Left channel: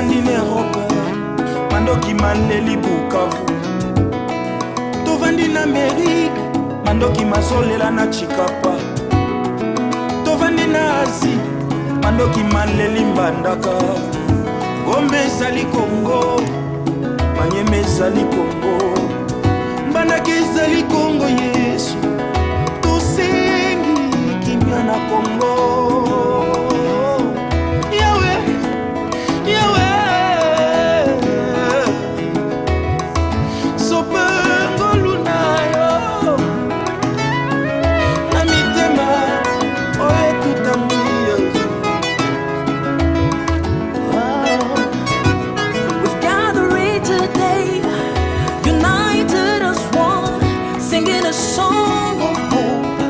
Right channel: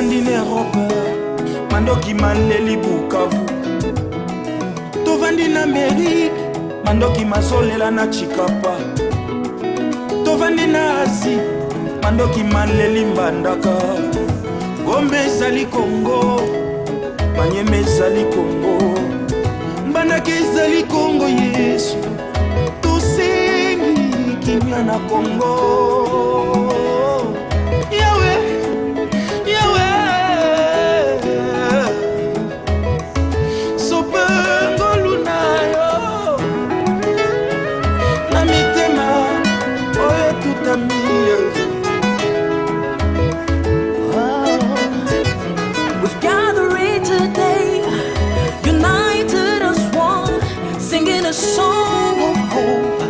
tovandi na Europe mandoki maleli Bukavu tovandi na Amerique mandoki masolela na Chikapa tovandi na Asie mandoki maleli Mbandaka Gombe ezali Congo Manyeme ezali Congo Mbandaka ezali Congo Yesu tosengi kimia na Congo We've gathered today, united as one, singing a song of hope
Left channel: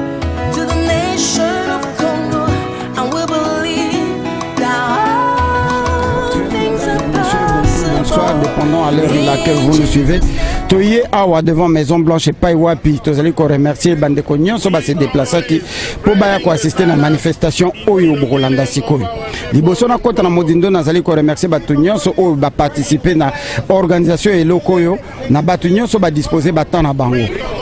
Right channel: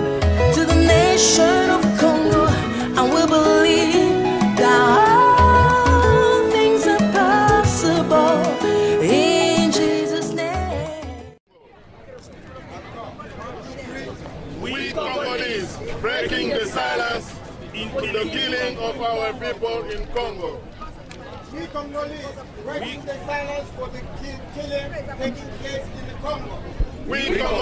to the nation of Congo, and we believe that all things are possible. In Jesus' name. Toye awa devant Maison Blanche et pas wapi tozali ko remercier bande ko nyonso ba se déplacer ki po ba ya ko assister na manifestation oyo Bolanda sikoyo liboso na kota na modindo nazali ko remercier batu nyonso oyo ba participer na organisation eloko oyo na batu nyonso ba disposer ba na bango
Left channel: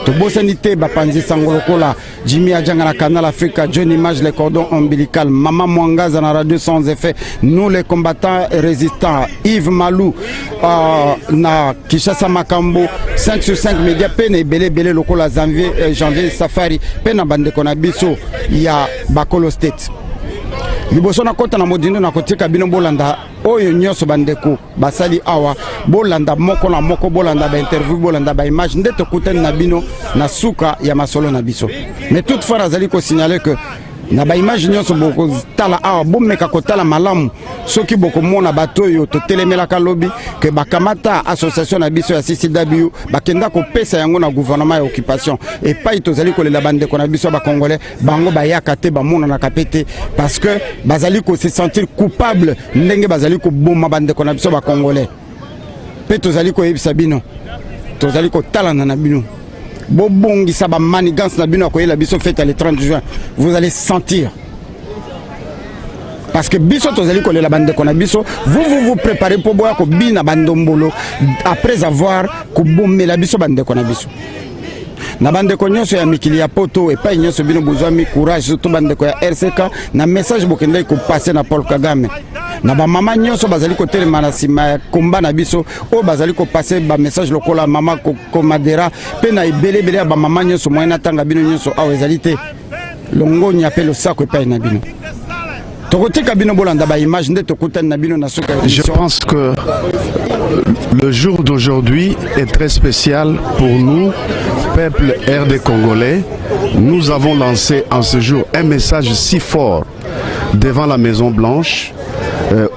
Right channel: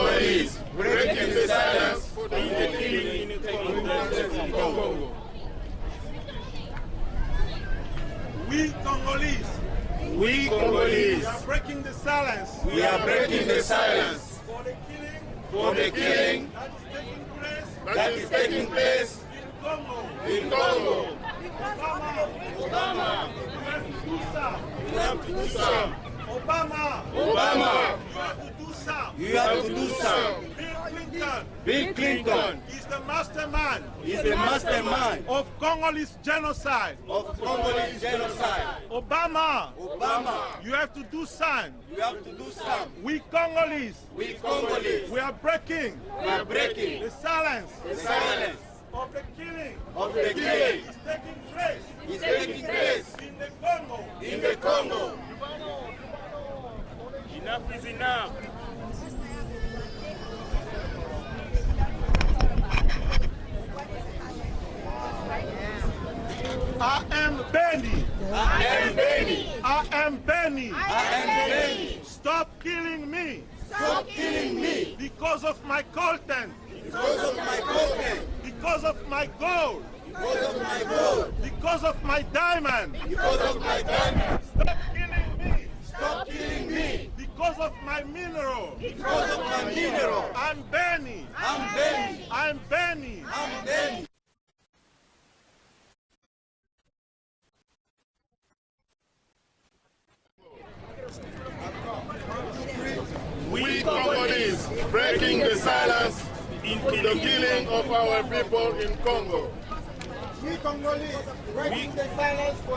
to bosani te ba panzi sango lokola Jimmy Adjanga na Canal Africa, John Image les cordons ombilical, Maman Mwangaza na radio sans effet, nous les combattants résistants, Yves Malou na Kishasa Makambo 5 sur 5 médias pene belé belé lokola janvier safari pena bande konabiso ya Bakolo State liboso na kota na modindo na kotika bino bolanda oyo nyonso bandeko basali awa bolanda moko na moko bolanda ba interview bolanda ba image ndete kutani na bino na suka ya masolo na biso mais toutefois azali ko signaler que na ba image nyonso boko tala awa bomeka kotala malamu soki boko mona bato yo to telemela ka lobby que bakamata association na biso ya CCW bakenda ko pesa yango na gouvernement ya occupation et pas tozali ko lela bande ko na biso ba congolais bango ba yakate ba mona na kapete parce que bazali ko se sentir coupable ndenge bazali ko boma bande ko na biso ba congolais pe tozali ko yebisa bino tozali ko talana na bino bobongi sa ba manigance na bino ko yela biso fête le 30 juin vous allez sentir. Parce que biso tozali ko lela bande ko na biso vous préparez pour boire ko bina bandombolo après avoir ko bomela biso bande ko na biso na bande ko nyonso ya mikili ya poto et pas nyonso bino bozami courage surtout bande ko ya RCK na message bokende ko passer na Paul Kagame na ba mama nyonso bazali ko telema na sima ya komba na biso o bazali ko passer ba message lokola mama ko madera pe na ibele bele ba mama nyonso moyena tanga bino nyonso awa ezali te longo nya pe lo sako pa na bino. Je pense que le jour d'aujourd'hui est très spécial pour nous, peuple RD congolais. Nous avons lancé en ce jour un message si fort devant la Maison Blanche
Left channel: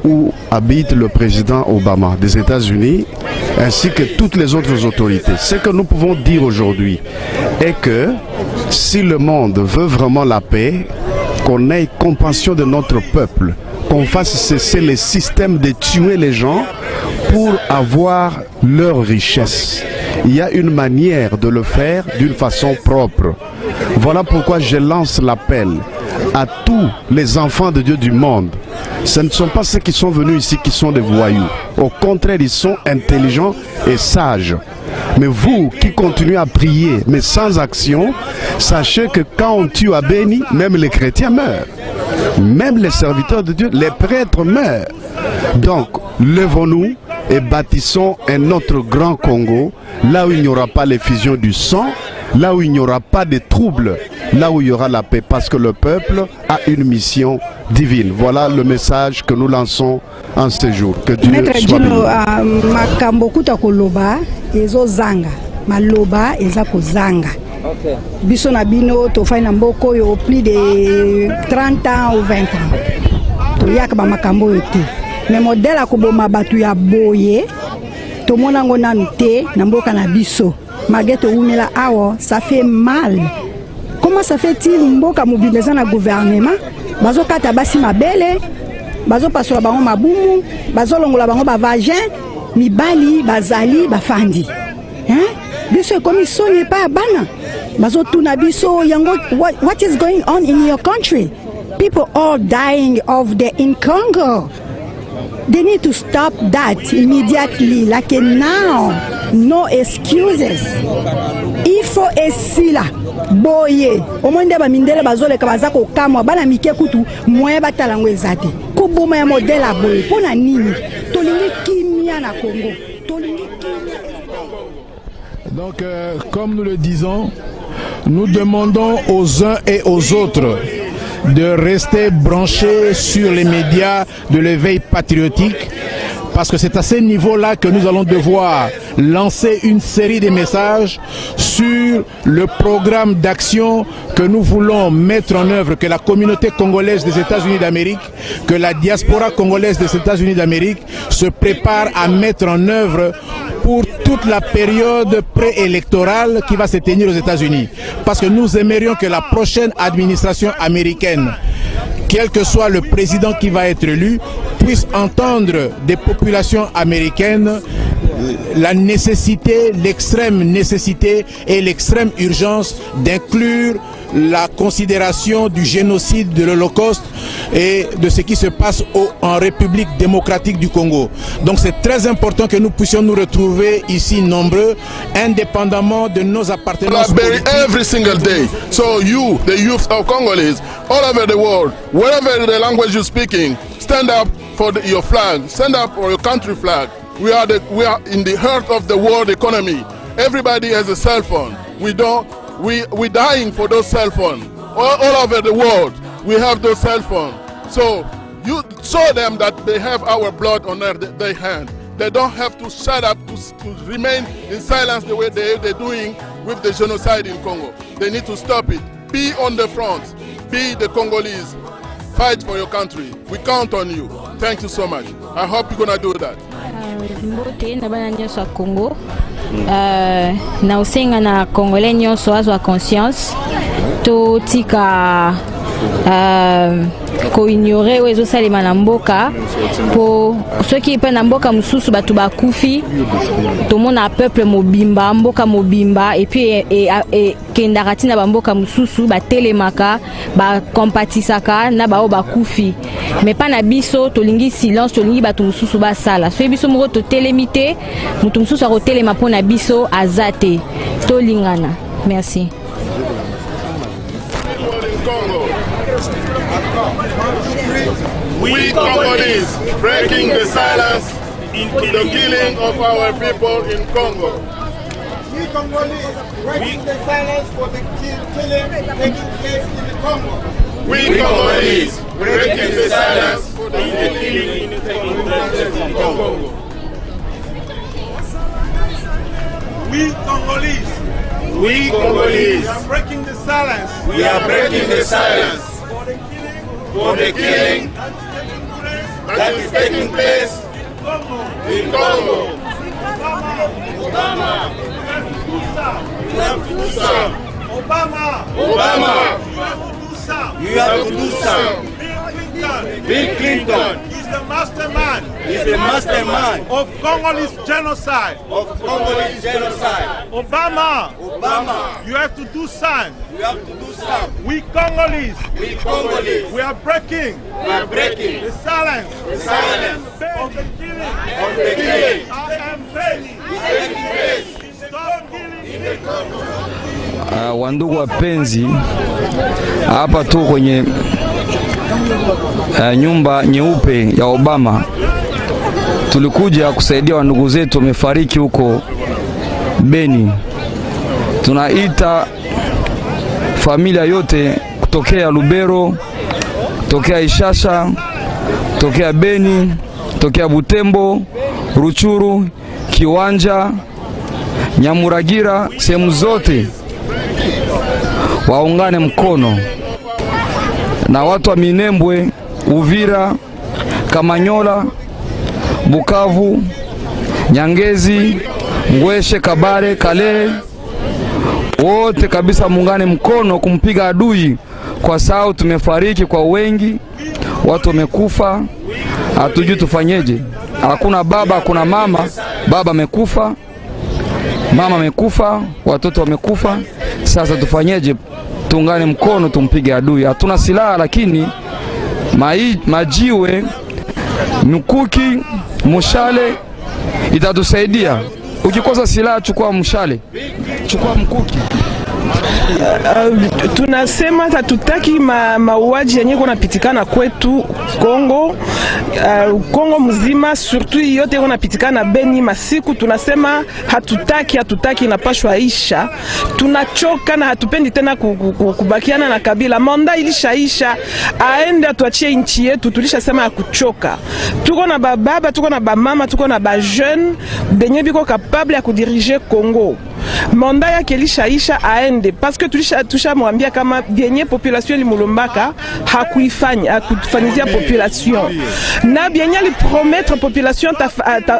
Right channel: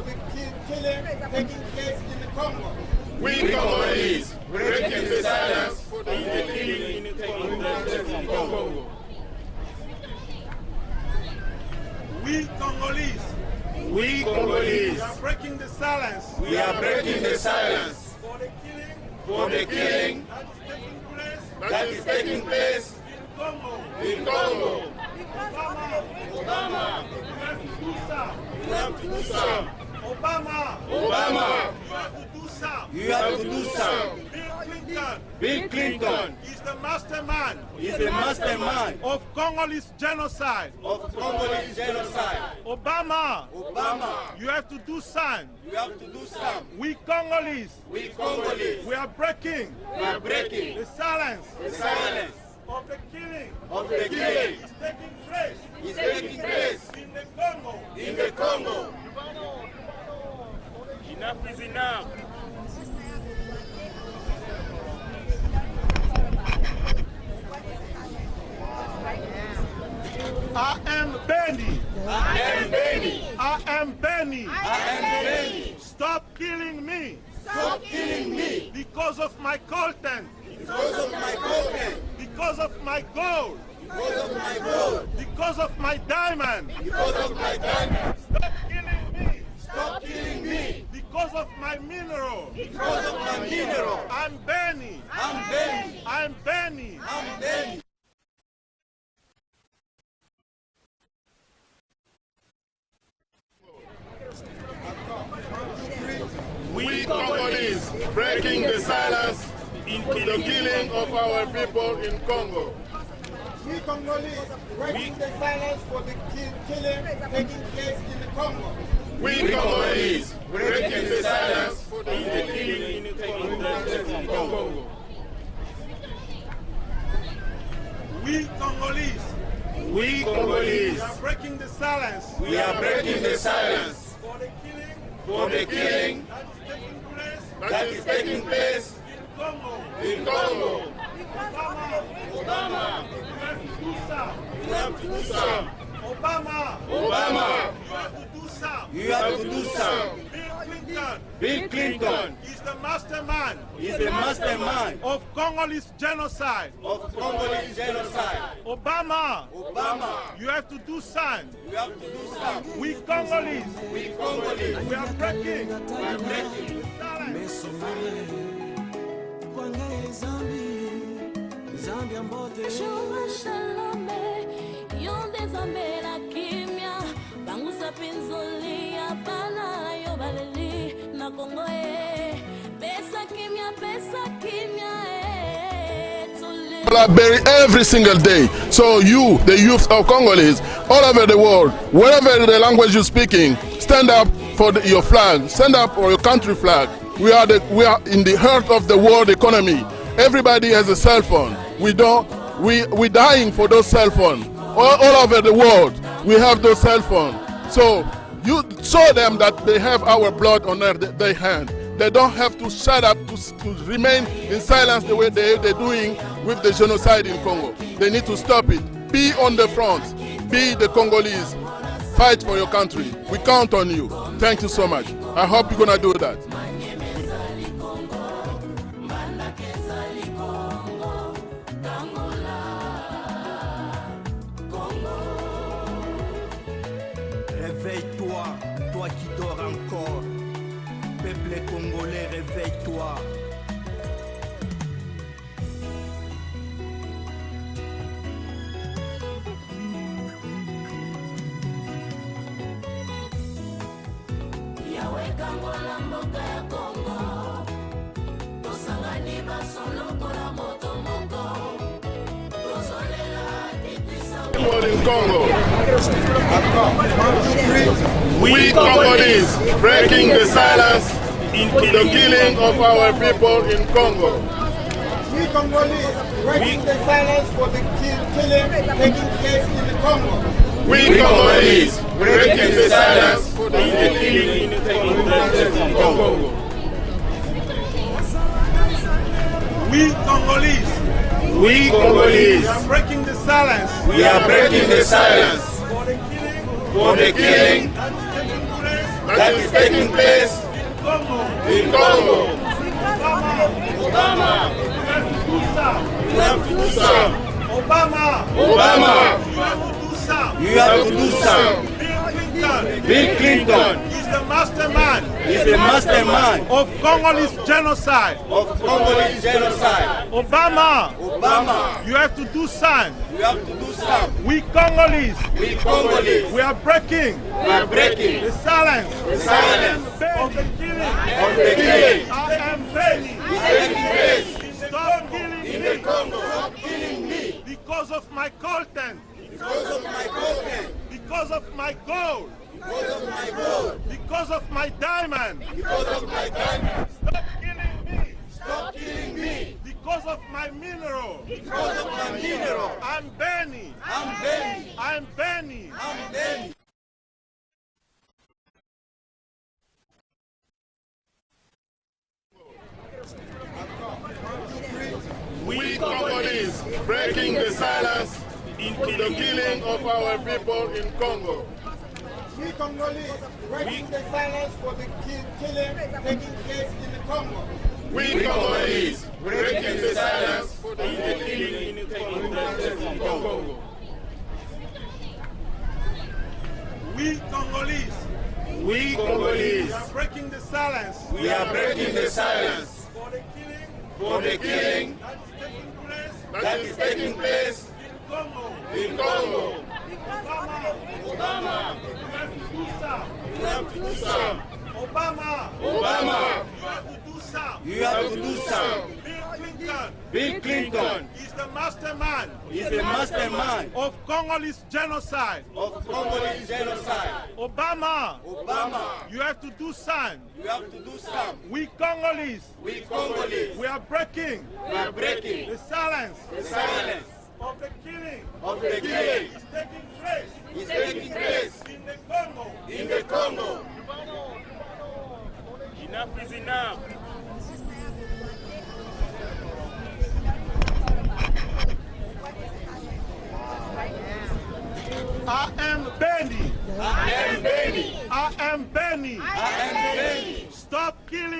où habite le président Obama des États-Unis ainsi que toutes les autres autorités. Ce que nous pouvons dire aujourd'hui est que si le monde veut vraiment la paix, qu'on ait compassion de notre peuple, qu'on fasse cesser les systèmes de tuer les gens pour avoir leur richesse. Il y a une manière de le faire d'une façon propre. Voilà pourquoi je lance l'appel à tous les enfants de Dieu du monde. Ce ne sont pas ceux qui sont venus ici qui sont des voyous. Au contraire, ils sont intelligents et sages. Mais vous qui continuez à prier, mais sans action, sachez que quand on tue à Béni, même les chrétiens meurent. Même les serviteurs de Dieu, les prêtres meurent. Donc, levons-nous et bâtissons un autre grand Congo, là où il n'y aura pas l'effusion du sang, là où il n'y aura pas de troubles, là où il y aura la paix, parce que le peuple a une mission divine. Voilà le message que nous lançons en ce jour. Que Dieu soit béni. Makambo kuta koloba ezo zanga maloba eza kozanga biso na bino to fai na mboko yo plus de 30 ans ou 20 ans to yaka ba makambo ete mais modèle akoboma batu ya boye to mona ngo nanu te na mboka na biso mageto unela awo ça fait mal. Comment ça fait-il mboka mobiliser na gouvernement bazo kata basi mabele bazo pasola bango mabumu bazo longola bango ba vagin mibali bazali bafandi hein biso komiso n'est pas bana bazo tuna biso yango what is going on in your country? People are dying of the in Congo. They need to stop that immediately. Like now, no excuses. Il faut esila boye. Omonde ba mindele bazole kabaza ko kamwa bana mike kutu moye batalango ezate. Ko boma ya modèle a boye. Pona nini? Tolingi kimia na Congo. Donc, comme nous le disons, nous demandons aux uns et aux autres de rester branchés sur les médias de l'éveil patriotique, parce que c'est à ce niveau-là que nous allons devoir lancer une série de messages sur le programme d'action que nous voulons mettre en œuvre, que la communauté congolaise des États-Unis d'Amérique, que la diaspora congolaise des États-Unis d'Amérique se prépare à mettre en œuvre pour toute la période préélectorale qui va se tenir aux États-Unis. Parce que nous aimerions que la prochaine administration américaine, quel que soit le président qui va être élu, puisse entendre des populations américaines la nécessité, l'extrême nécessité et l'extrême urgence d'inclure la considération du génocide, de l'Holocauste et de ce qui se passe en République démocratique du Congo. Donc c'est très important que nous puissions nous retrouver ici nombreux, indépendamment de nos appartenances. Every single day. So you, the youth of Congolese, all over the world, wherever the language you're speaking, stand up for your flag, stand up for your country flag. We are in the heart of the world economy. Everybody has a cell phone. We're dying for those cell phones. All over the world, we have those cell phones. So you show them that they have our blood on their hand. They don't have to shut up, to remain in silence the way they're doing with the genocide in Congo. They need to stop it. Be on the front. Be the Congolese. Fight for your country. We count on you. Thank you so much. I hope you're going to do that. Congo. Na usenga na Congolais nyonso azwa conscience to tika ko ignorer wezo salima na mboka po soki pe na mboka mususu batu bakufi to mona peuple mobimba mboka mobimba et puis et kendaka tina ba mboka mususu ba telemaka ba compatisaka na ba bakufi mais pas na biso to lingi silence to lingi batu mususu ba sala so biso moko to telemité mutu mususu a telema pona biso azate to lingana. Merci. We Congolese breaking the silence into the killing of our people in Congo. We Congolese breaking the silence for the killing taking place in the Congo. We Congolese breaking the silence for the killing taking place in Congo. We Congolese. We Congolese. We are breaking the silence. We are breaking the silence For the killing that is taking place in Congo. Obama. You have to do some. Obama. You have to do some. Bill Clinton. He's the mastermind. He's the mastermind of Congolese genocide. Obama. You have to do some. We Congolese. We are breaking. The silence. Of the killing. I am ready. Stop killing in the Congo. Wandugu wapenzi, hapa tu kwenye nyumba nyeupe ya Obama. Tulikuja kusaidia wandugu zetu wamefariki huko Beni. Tunaita familia yote kutokea Lubero, kutokea Ishasha, kutokea Beni, kutokea Butembo, Ruchuru, Kiwanja, Nyamuragira, sehemu zote waungane mkono na watu wa Minembwe, Uvira, Kamanyola, Bukavu, Nyangezi, Ngweshe, Kabare, Kale, wote kabisa muungane mkono kumpiga adui, kwa sababu tumefariki kwa wengi, watu wamekufa, hatujui tufanyeje. Hakuna baba, hakuna mama, baba amekufa, mama amekufa, watoto wamekufa. Sasa tufanyeje? Tuungane mkono tumpige adui. Hatuna silaha, lakini majiwe mkuki, mshale itatusaidia. Ukikosa silaha chukua mshale, chukua mkuki. Tunasema hatutaki mauaji yenye kunapitikana kwetu Kongo, Kongo mzima, surtout yote kunapitikana Beni masiku. Tunasema hatutaki, inapashwa isha. Tunachoka na hatupendi tena kubakiana na Kabila. Manda ilishaisha, aende atuachie nchi yetu. Tulishasema ya kuchoka. Tuko na bababa, tuko na bamama, tuko na ba jeune benye biko capable ya kudirige Kongo. Manda yake ilishaisha, aende parce que tushamwambia kama bienye population limulombaka hakufanyizia population na bienye alipromettre population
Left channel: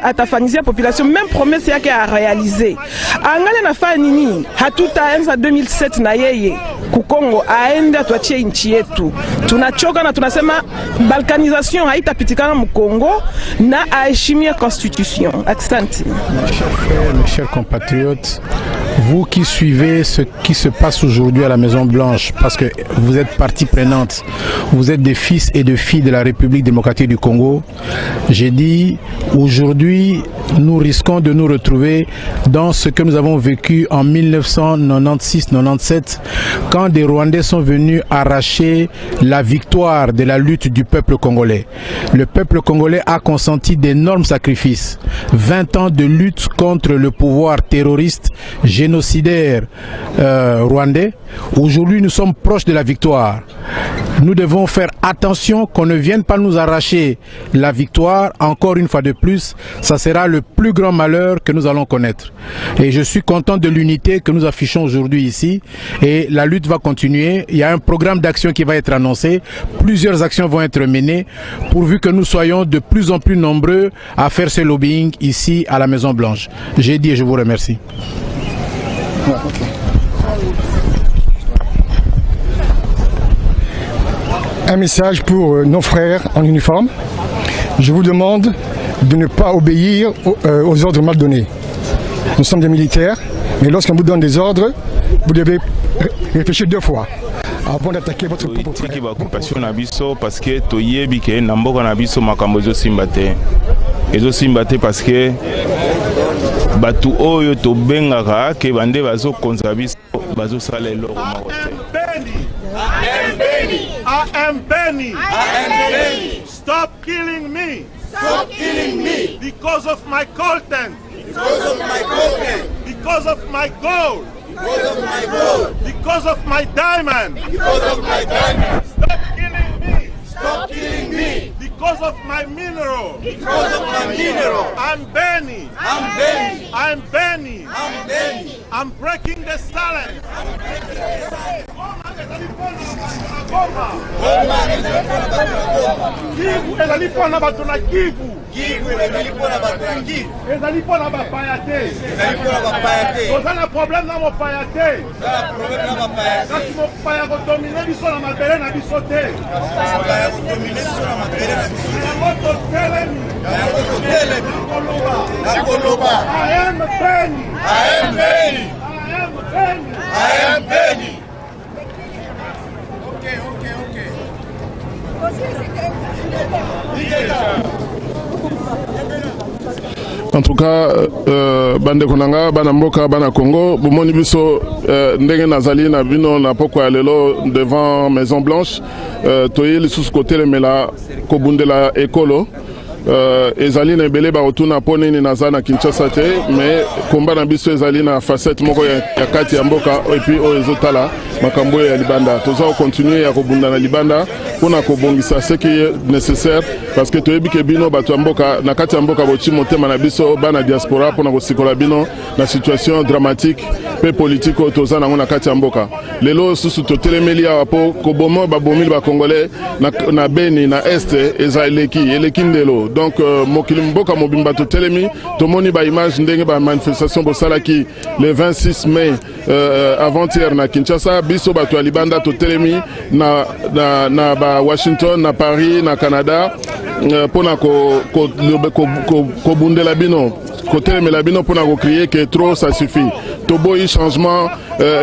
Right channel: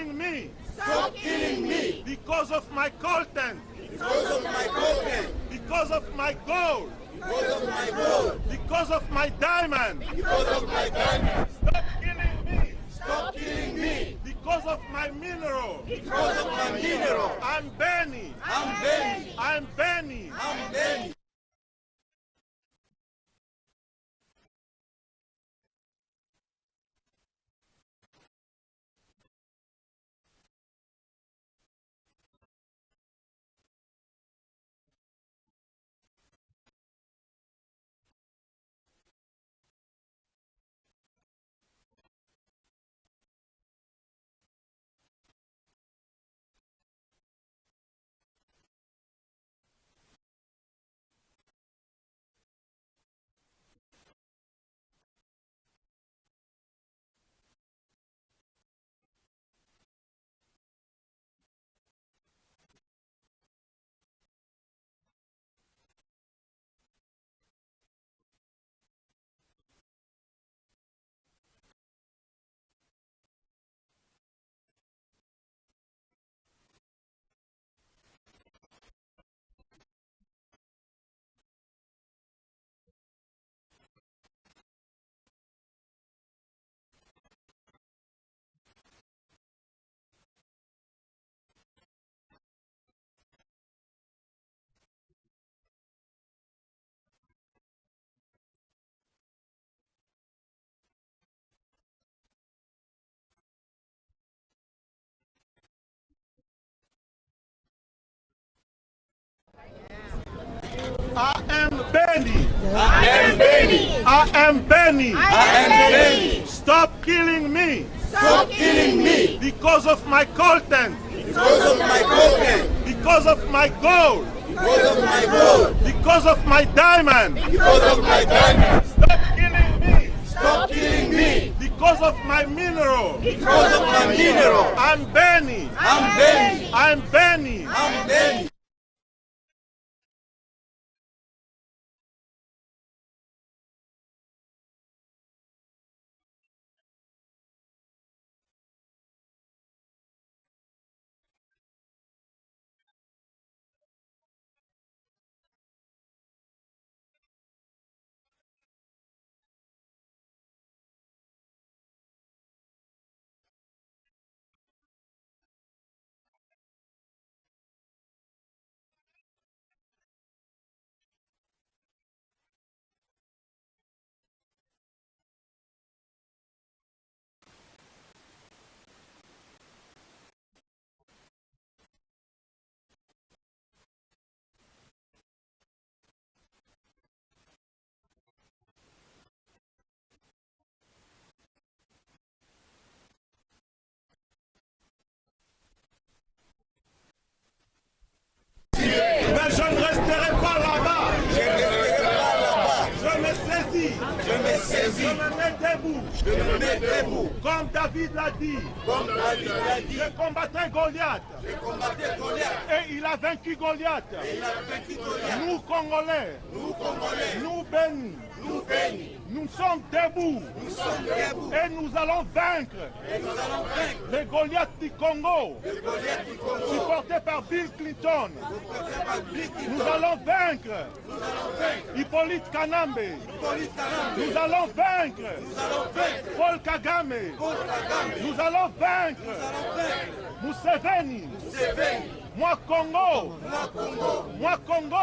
atafanyizia population, même promesse yake a réaliser. Angale nafanya nini? Hatutaanza 2007 na yeye ku Kongo, aende atuachie nchi yetu. Tunachoka na tunasema balkanisation haitapitikana mu Kongo na aheshimia constitution. Asante. Mes chers compatriotes, vous qui suivez ce qui se passe aujourd'hui à la Maison Blanche, parce que vous êtes partie prenante, vous êtes des fils et des filles de la République démocratique du Congo, j'ai dit aujourd'hui nous risquons de nous retrouver dans ce que nous avons vécu en 1996-97 quand des Rwandais sont venus arracher la victoire de la lutte du peuple congolais. Le peuple congolais a consenti d'énormes sacrifices, 20 ans de lutte contre le pouvoir terroriste génocidaire rwandais. Aujourd'hui, nous sommes proches de la victoire. Nous devons faire attention qu'on ne vienne pas nous arracher la victoire. Encore une fois de plus, ça sera le plus grand malheur que nous allons connaître. Et je suis content de l'unité que nous affichons aujourd'hui ici. Et la lutte va continuer. Il y a un programme d'action qui va être annoncé. Plusieurs actions vont être menées pourvu que nous soyons de plus en plus nombreux à faire ce lobbying ici à la Maison Blanche. J'ai dit et je vous remercie. Un message pour nos frères en uniforme. Je vous demande de ne pas obéir aux ordres mal donnés. Nous sommes des militaires, mais lorsqu'on vous donne des ordres, vous devez réfléchir 2 fois avant d'attaquer votre propre frère. Parce que toyebi ke namboka na biso makambo ezosimba te parce que batu oyo tobengaka ke bande bazokonza biso bazosala eloko. I am Benny. Stop killing me. Stop killing me. Because of my content. Because of my content. Because of my gold. Because of my gold. Because of my diamond. Because of my diamond. Stop killing me. Stop killing me. Because of my mineral. Because of my mineral. I'm Benny. I'm Benny. I'm Benny. I'm Benny. I'm breaking the silence. Kivu ezali pona bato na Kivu. Ezali pona bato na Kivu. Ezali pona bapaya te. Ezali pona bapaya te. Toza na problème na mopaya te. Kasi mopaya kodomine biso na mabele na biso te. Mopaya kodomine biso na mabele na biso te. Yango totelemi. Nakoloba. I am Benny. I am Benny. I am Benny. I am Benny. En tout cas, bande konanga bana mboka bana Congo bomoni biso ndenge nazali na bino na poko ya lelo devant Maison Blanche toye lisusu côté le mela kobundela ekolo ezali na ebele baotuna mpo nini naza na Kinshasa te, mais komba na biso ezali na facette moko ya kati ya mboka epuis oyo ezotala makambo ya libanda. Toza kocontinue ya kobunda na libanda mpona kobongisa ce qui est nécessaire parce que toyebi ke bino bato ya mboka na kati ya mboka boti motema na biso bana diaspora mpona kosikola bino na situation dramatique mpe politique oyo toza nango na kati ya mboka. Lelo susu totelemeli awa mpo koboma babomili bakongolais na Beni na este eza eleki ndelo. Donc mokili mboka mobimba totelemi tomoni ba image ndenge ba manifestation bosalaki le 26 mai avant-hier na Kinshasa, biso bato ya libanda totelemi na ba Washington, na Paris, na Canada pona ko bundela bino côté Melabino pour nous crier que trop ça suffit. Tobo y changement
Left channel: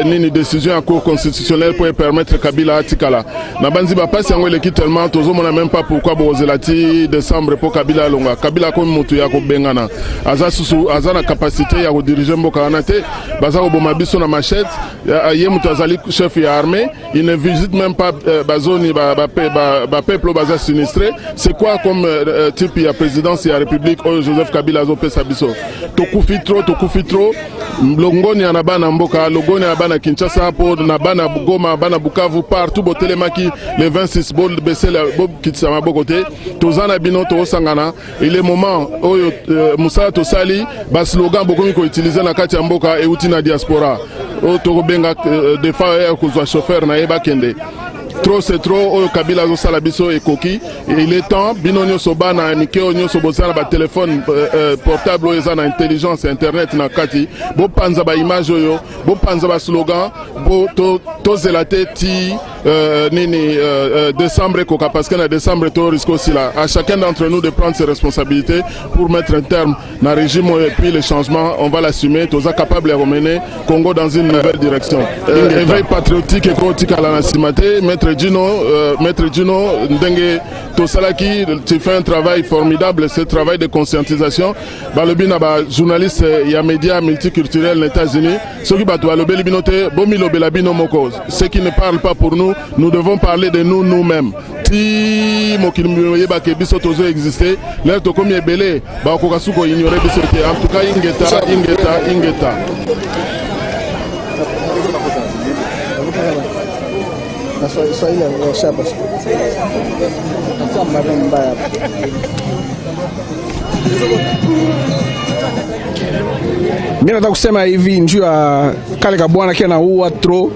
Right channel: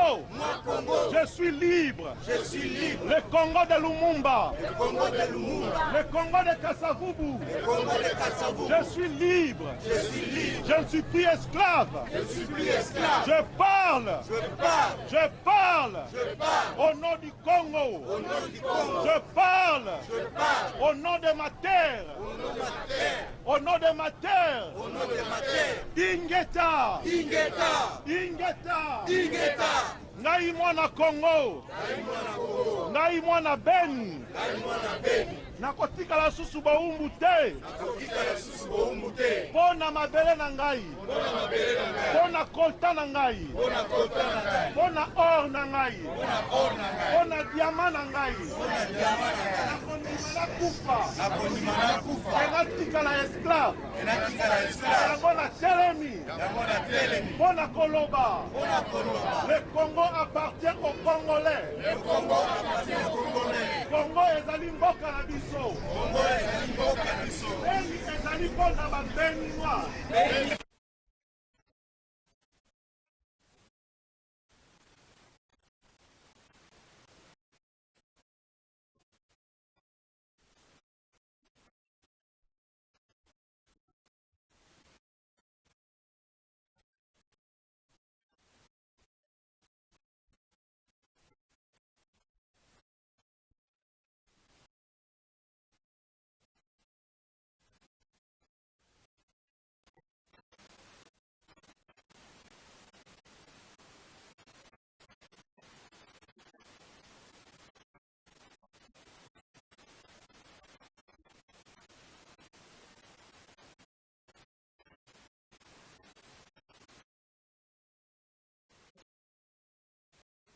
ni décision à cour constitutionnelle pour permettre Kabila Atikala. Nabanzi ba passe en l'équipe tellement tozo mona même pas pourquoi bozelati décembre pour Kabila longa. Kabila comme mutu ya ko bengana. Aza susu aza na capacité ya ko diriger mboka anate. Baza ko boma biso na machette. Ye mutazali chef ya armée, il ne visite même pas bazoni ba peuple baza sinistré. C'est quoi comme type ya présidence ya République Joseph Kabila zo pesa biso. Tokufi trop longoni ya bana mboka, longoni ya bana Kinshasa po na bana Goma, bana Bukavu partout botelemaki les 26 bol baisser la bob kitsama bokote. Tozana bino to sangana. Il est moment oyo Moussa Tosali ba slogan bokomi ko utiliser na kati ya mboka e uti na diaspora. O to benga des fois ko zo chauffeur na yeba kende. Trop c'est trop oyo Kabila zo sala biso e koki. Il est temps bino nyoso bana mikeo nyoso bosala ba téléphone portable oyo za na intelligence internet na kati. Bo panza ba image oyo, bo panza ba slogan, bo to zelate ti nini décembre koka parce que na décembre to risque aussi là. À chacun d'entre nous de prendre ses responsabilités pour mettre un terme na régime et puis les changements, on va l'assumer. Toza capable de mener Congo dans une nouvelle direction. Éveil patriotique et politique à la nationalité. Maître Gino Ndenge Tosalaki, tu fais un travail formidable, ce travail de conscientisation. Balobina ba journaliste et médias multiculturels aux États-Unis. Ceux qui battent le binote, bomilo belabino moko. Ceux qui ne parlent pas pour nous, nous devons parler de nous nous-mêmes. Si mokilimoye ba ke biso tozo exister, l'air to comme belé, ba kokasuko ignorer biso ke en tout cas ingeta. Mimi nataka kusema hivi njoo ya kale kabwana kia naua tro.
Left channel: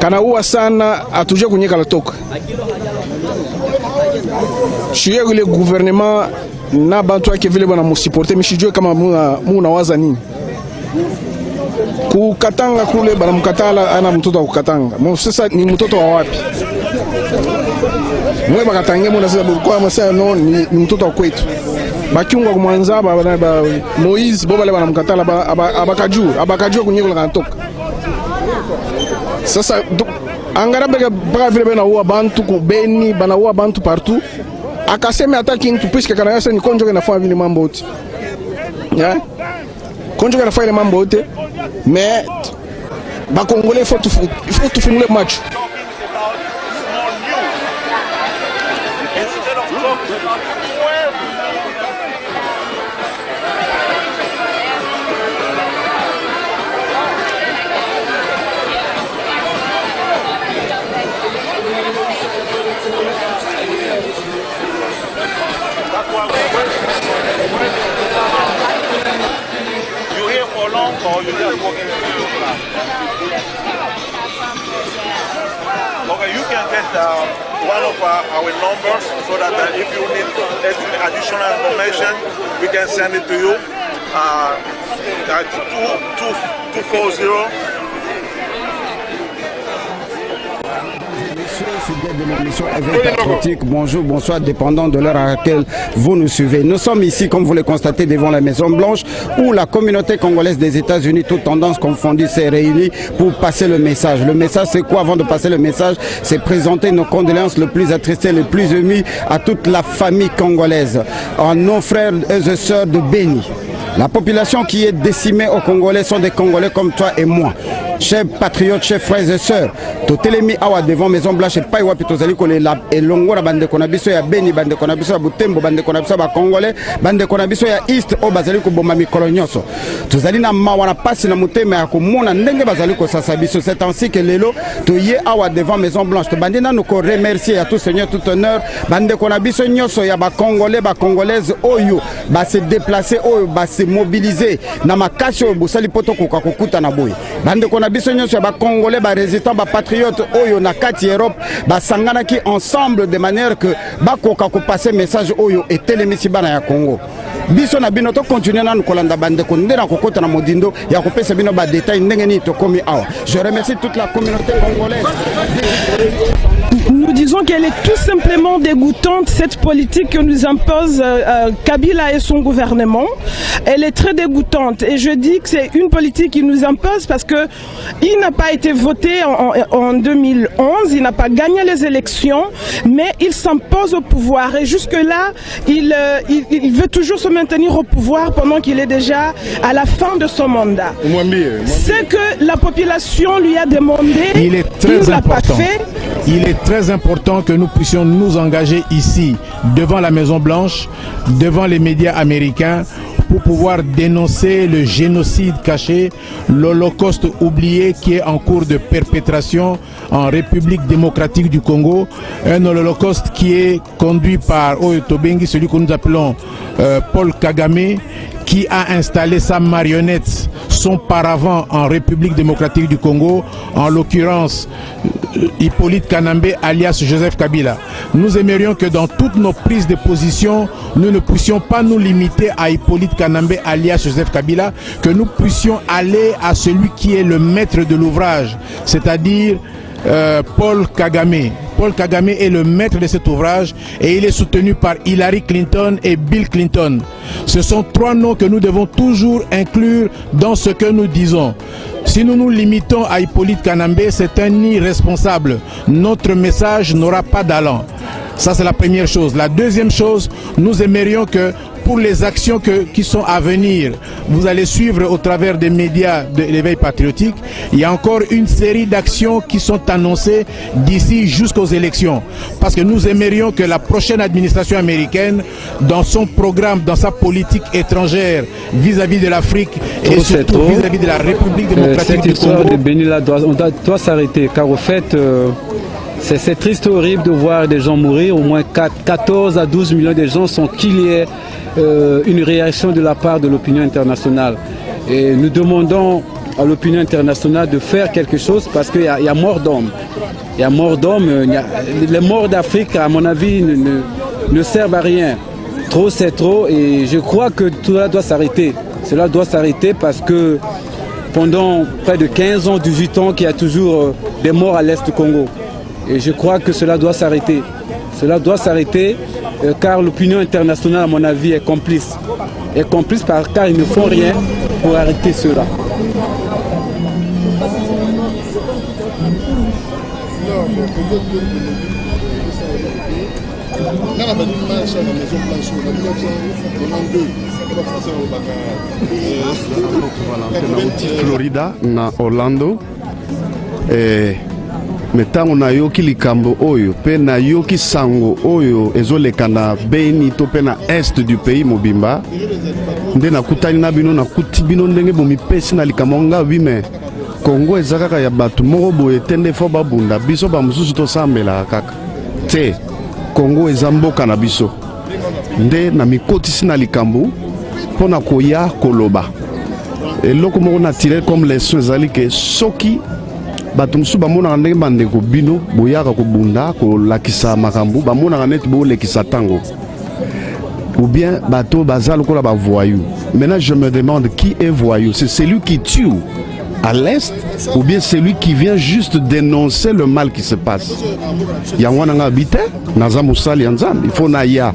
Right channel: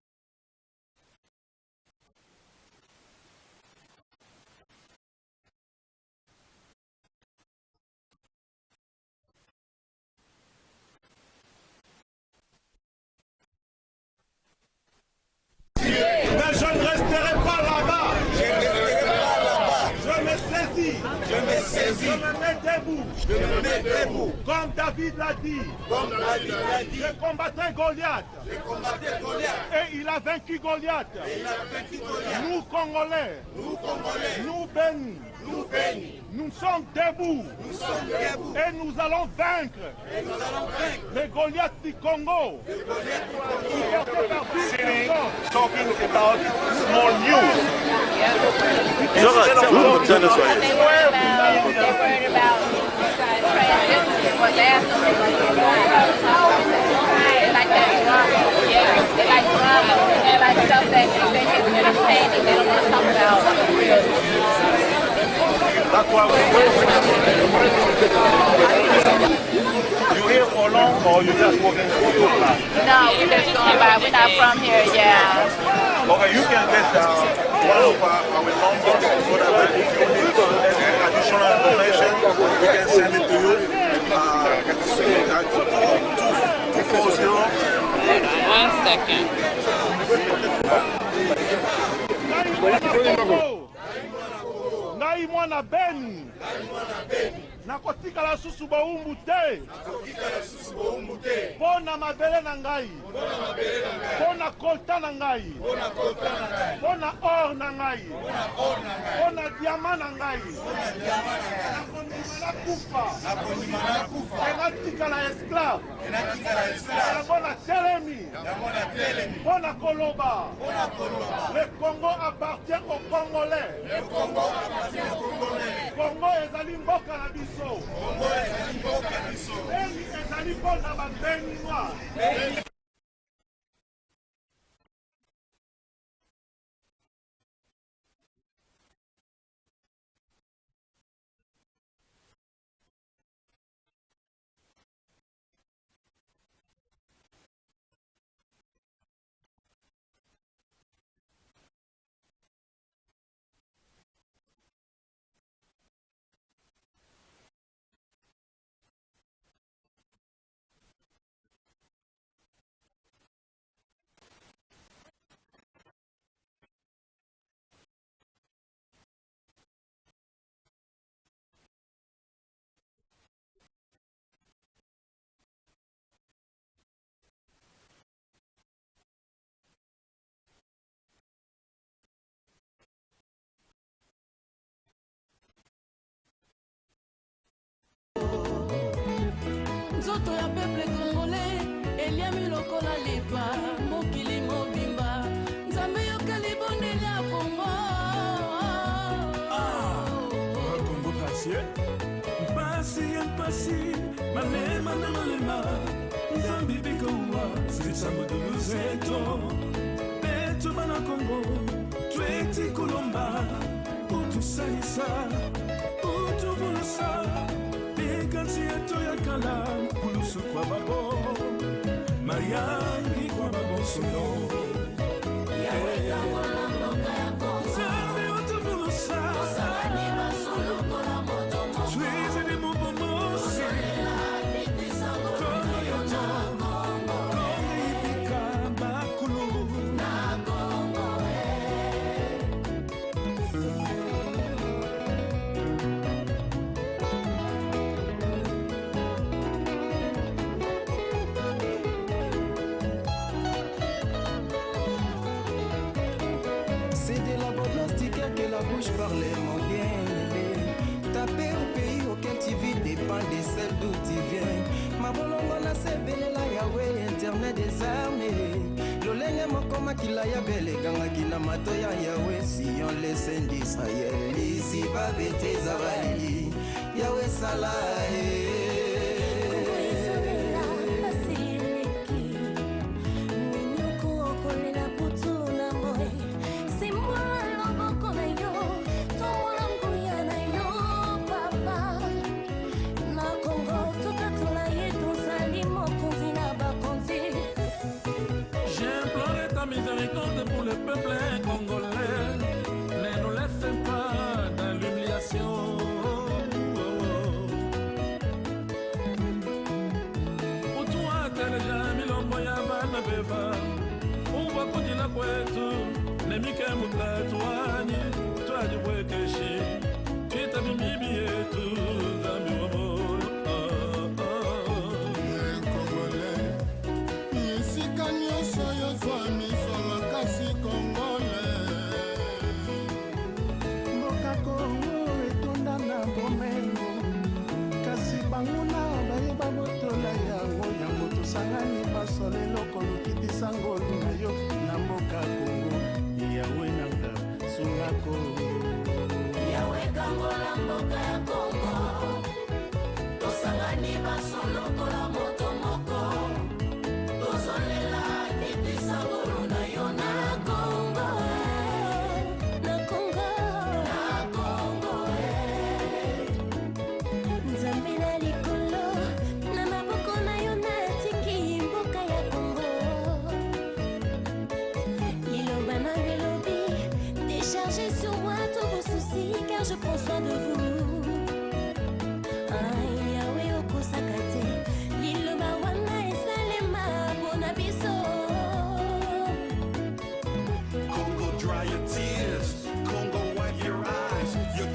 Kanaua sana atuje kunyeka latoka. Shie ile gouvernement na bantu yake vile bana musupporter mishijue kama muna waza nini. Kukatanga kule bana mkatala ana mtoto wa kukatanga. Sasa ni mtoto wa wapi? Mwe bakatange mwana sasa kwa masa no ni mtoto wa kwetu. Bakiungwa kumwanza ba Moïse boba le bana mkatala abakajua kunyeko kanatoka. Sasa angara baka vile bana uwa bantu kubeni bana uwa bantu partout. Akasema hata kintu puisque kana yasa ni konjo kana fanya vile mambo yote. Yeah? Konjo kana fanya mambo yote. Mais ba Congolais faut tout finir le match. You here for long or you just working for your class? No, we live here, but we're not from here, yeah. Okay, you can get one of our numbers so that if you need any additional information, we can send it to you. At 240. 1 second. Bonjour, bonsoir, dépendant de l'heure à laquelle vous nous suivez. Nous sommes ici, comme vous le constatez, devant la Maison Blanche, où la communauté congolaise des États-Unis, toutes tendances confondues, s'est réunie pour passer le message. Le message, c'est quoi? Avant de passer le message, c'est présenter nos condoléances les plus attristées, les plus émues à toute la famille congolaise, à nos frères et sœurs de Béni. La population qui est décimée aux Congolais sont des Congolais comme toi et moi. Chers patriotes, chers frères et sœurs, totelemi awa devant Maison Blanche et pas wapi tozali kolela elongo na bande konabiso ya Beni, bande konabiso ya Butembo, bande konabiso ba Congolais, bande konabiso ya East o bazali ko bomba mikolo nyonso. Tozali na mawa na pasi na mutema ya komona ndenge bazali ko sasa biso. C'est ainsi que lelo toye awa devant Maison Blanche. To bande na nous ko remercier à tout Seigneur tout honneur, bande konabiso nyonso ya ba Congolais, ba Congolaises oyo ba se déplacer oyo ba se mobiliser na makasi oyo bosali poto koka kokuta na boye. Bande biso nyonso ya ba Congolais ba résistants ba patriotes oyo na kati Europe ba sangana ki ensemble de manière que ba koka ko passer message oyo etelemisi bana ya Congo. Biso na bino to continuer na kolanda bande ko ndena ko kota na modindo ya ko pesa bino ba détail ndenge ni to komi awa. Je remercie toute la communauté congolaise. Nous disons qu'elle est tout simplement dégoûtante, cette politique que nous impose Kabila et son gouvernement. Elle est très dégoûtante et je dis que c'est une politique qui nous impose parce que il n'a pas été voté en 2011, il n'a pas gagné les élections, mais il s'impose au pouvoir et jusque-là, il veut toujours se maintenir au pouvoir pendant qu'il est déjà à la fin de son mandat. C'est que la population lui a demandé, il ne l'a pas fait. Il est très important que nous puissions nous engager ici, devant la Maison Blanche, devant les médias américains, pour pouvoir dénoncer le génocide caché, l'Holocauste oublié qui est en cours de perpétration en République démocratique du Congo, un holocauste qui est conduit par Oyo Tobengi, celui que nous appelons Paul Kagame, qui a installé sa marionnette, son paravent en République démocratique du Congo, en l'occurrence Hippolyte Kanambe alias Joseph Kabila. Nous aimerions que dans toutes nos prises de position, nous ne puissions pas nous limiter à Hippolyte Kanambe alias Joseph Kabila, que nous puissions aller à celui qui est le maître de l'ouvrage, c'est-à-dire Paul Kagame. Paul Kagame est le maître de cet ouvrage et il est soutenu par Hillary Clinton et Bill Clinton. Ce sont trois noms que nous devons toujours inclure dans ce que nous disons. Si nous nous limitons à Hippolyte Kanambe, c'est un irresponsable. Notre message n'aura pas d'allant. Ça, c'est la première chose. La deuxième chose, nous aimerions que pour les actions qui sont à venir, vous allez suivre au travers des médias de l'éveil patriotique, il y a encore une série d'actions qui sont annoncées d'ici jusqu'aux élections. Parce que nous aimerions que la prochaine administration américaine, dans son programme, dans sa politique étrangère vis-à-vis de l'Afrique et surtout vis-à-vis de la République démocratique du Congo. Cette histoire de Benila doit s'arrêter, car au fait, c'est triste et horrible de voir des gens mourir. Au moins 14 à 12 millions de gens sont qu'il y ait une réaction de la part de l'opinion internationale. Et nous demandons à l'opinion internationale de faire quelque chose parce qu'il y a mort d'hommes. Il y a mort d'hommes. Les morts d'Afrique, à mon avis, ne servent à rien. Trop, c'est trop. Et je crois que tout cela doit s'arrêter. Cela doit s'arrêter parce que pendant près de 15 ans, 18 ans, qu'il y a toujours des morts à l'est du Congo. Et je crois que cela doit s'arrêter. Cela doit s'arrêter car l'opinion internationale, à mon avis, est complice. Est complice car ils ne font rien pour arrêter cela. Florida na Orlando metango nayoki likambo oyo pe nayoki sango oyo ezoleka na Beni to pe na est du pays mobimba nde nakutani na bino nakuti bino ndenge bomipesi na likambo nga bime Congo eza kaka ya bato moko boye te nde fo babunda biso bamosusu tosambelaka kaka te. Congo eza mboka na biso nde na mikotisi na likambo mpona koya koloba eloko moko na tirer comme leçon ezali ke soki bato mosusu bamonaka ndenge bandeko bino boyaka kobunda kolakisa makambo bamonaka neti bolekisa ntango ou bien bato baza lokola bavoyou. Maintenant je me demande qui est voyou, c'est celui qui tue à l'est ou bien celui qui vient juste dénoncer le mal qui se passe. Yango nanga habite naza mosali ya Nzambe, il faut naya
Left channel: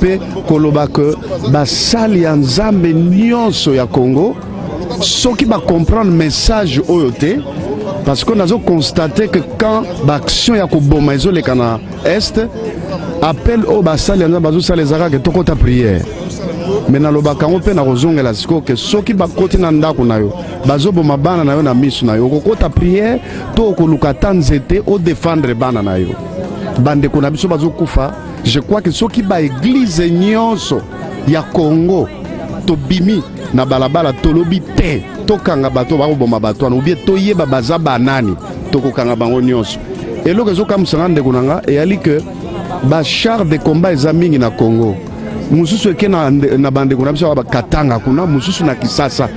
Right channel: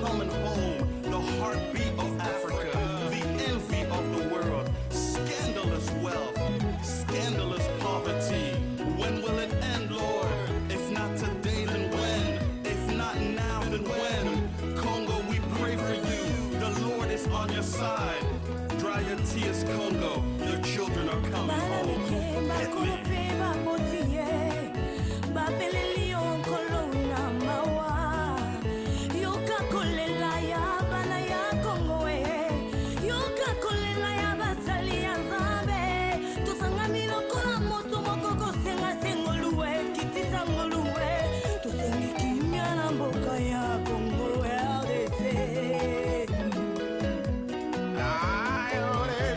pe koloba ke basali ya Nzambe nyonso ya Congo soki ba comprendre message oyo te. Parce qu'on a constaté que quand l'action ya koboma ezoleka na est appel au basali ya bazo sala ezaka ke tokota prière. Mais na lobaka ngo pe na kozongela siko ke soki bakoti na ndako na yo bazoboma bana na yo na misu na yo kokota prière to koluka tanzete o défendre bana na yo bande ko na biso bazokufa. Je crois que soki ba église nyonso ya Congo to bimi na balabala tolobi te tokanga bato bakoboma bato wana ubie toyeba baza banani tokokanga bango nyonso. Eloko ezokamwisanga ndeko na nga eyali ke bachar de combat eza mingi na Congo. Mususu eke na bandeko na biso bakatanga kuna mususu na Kisasa.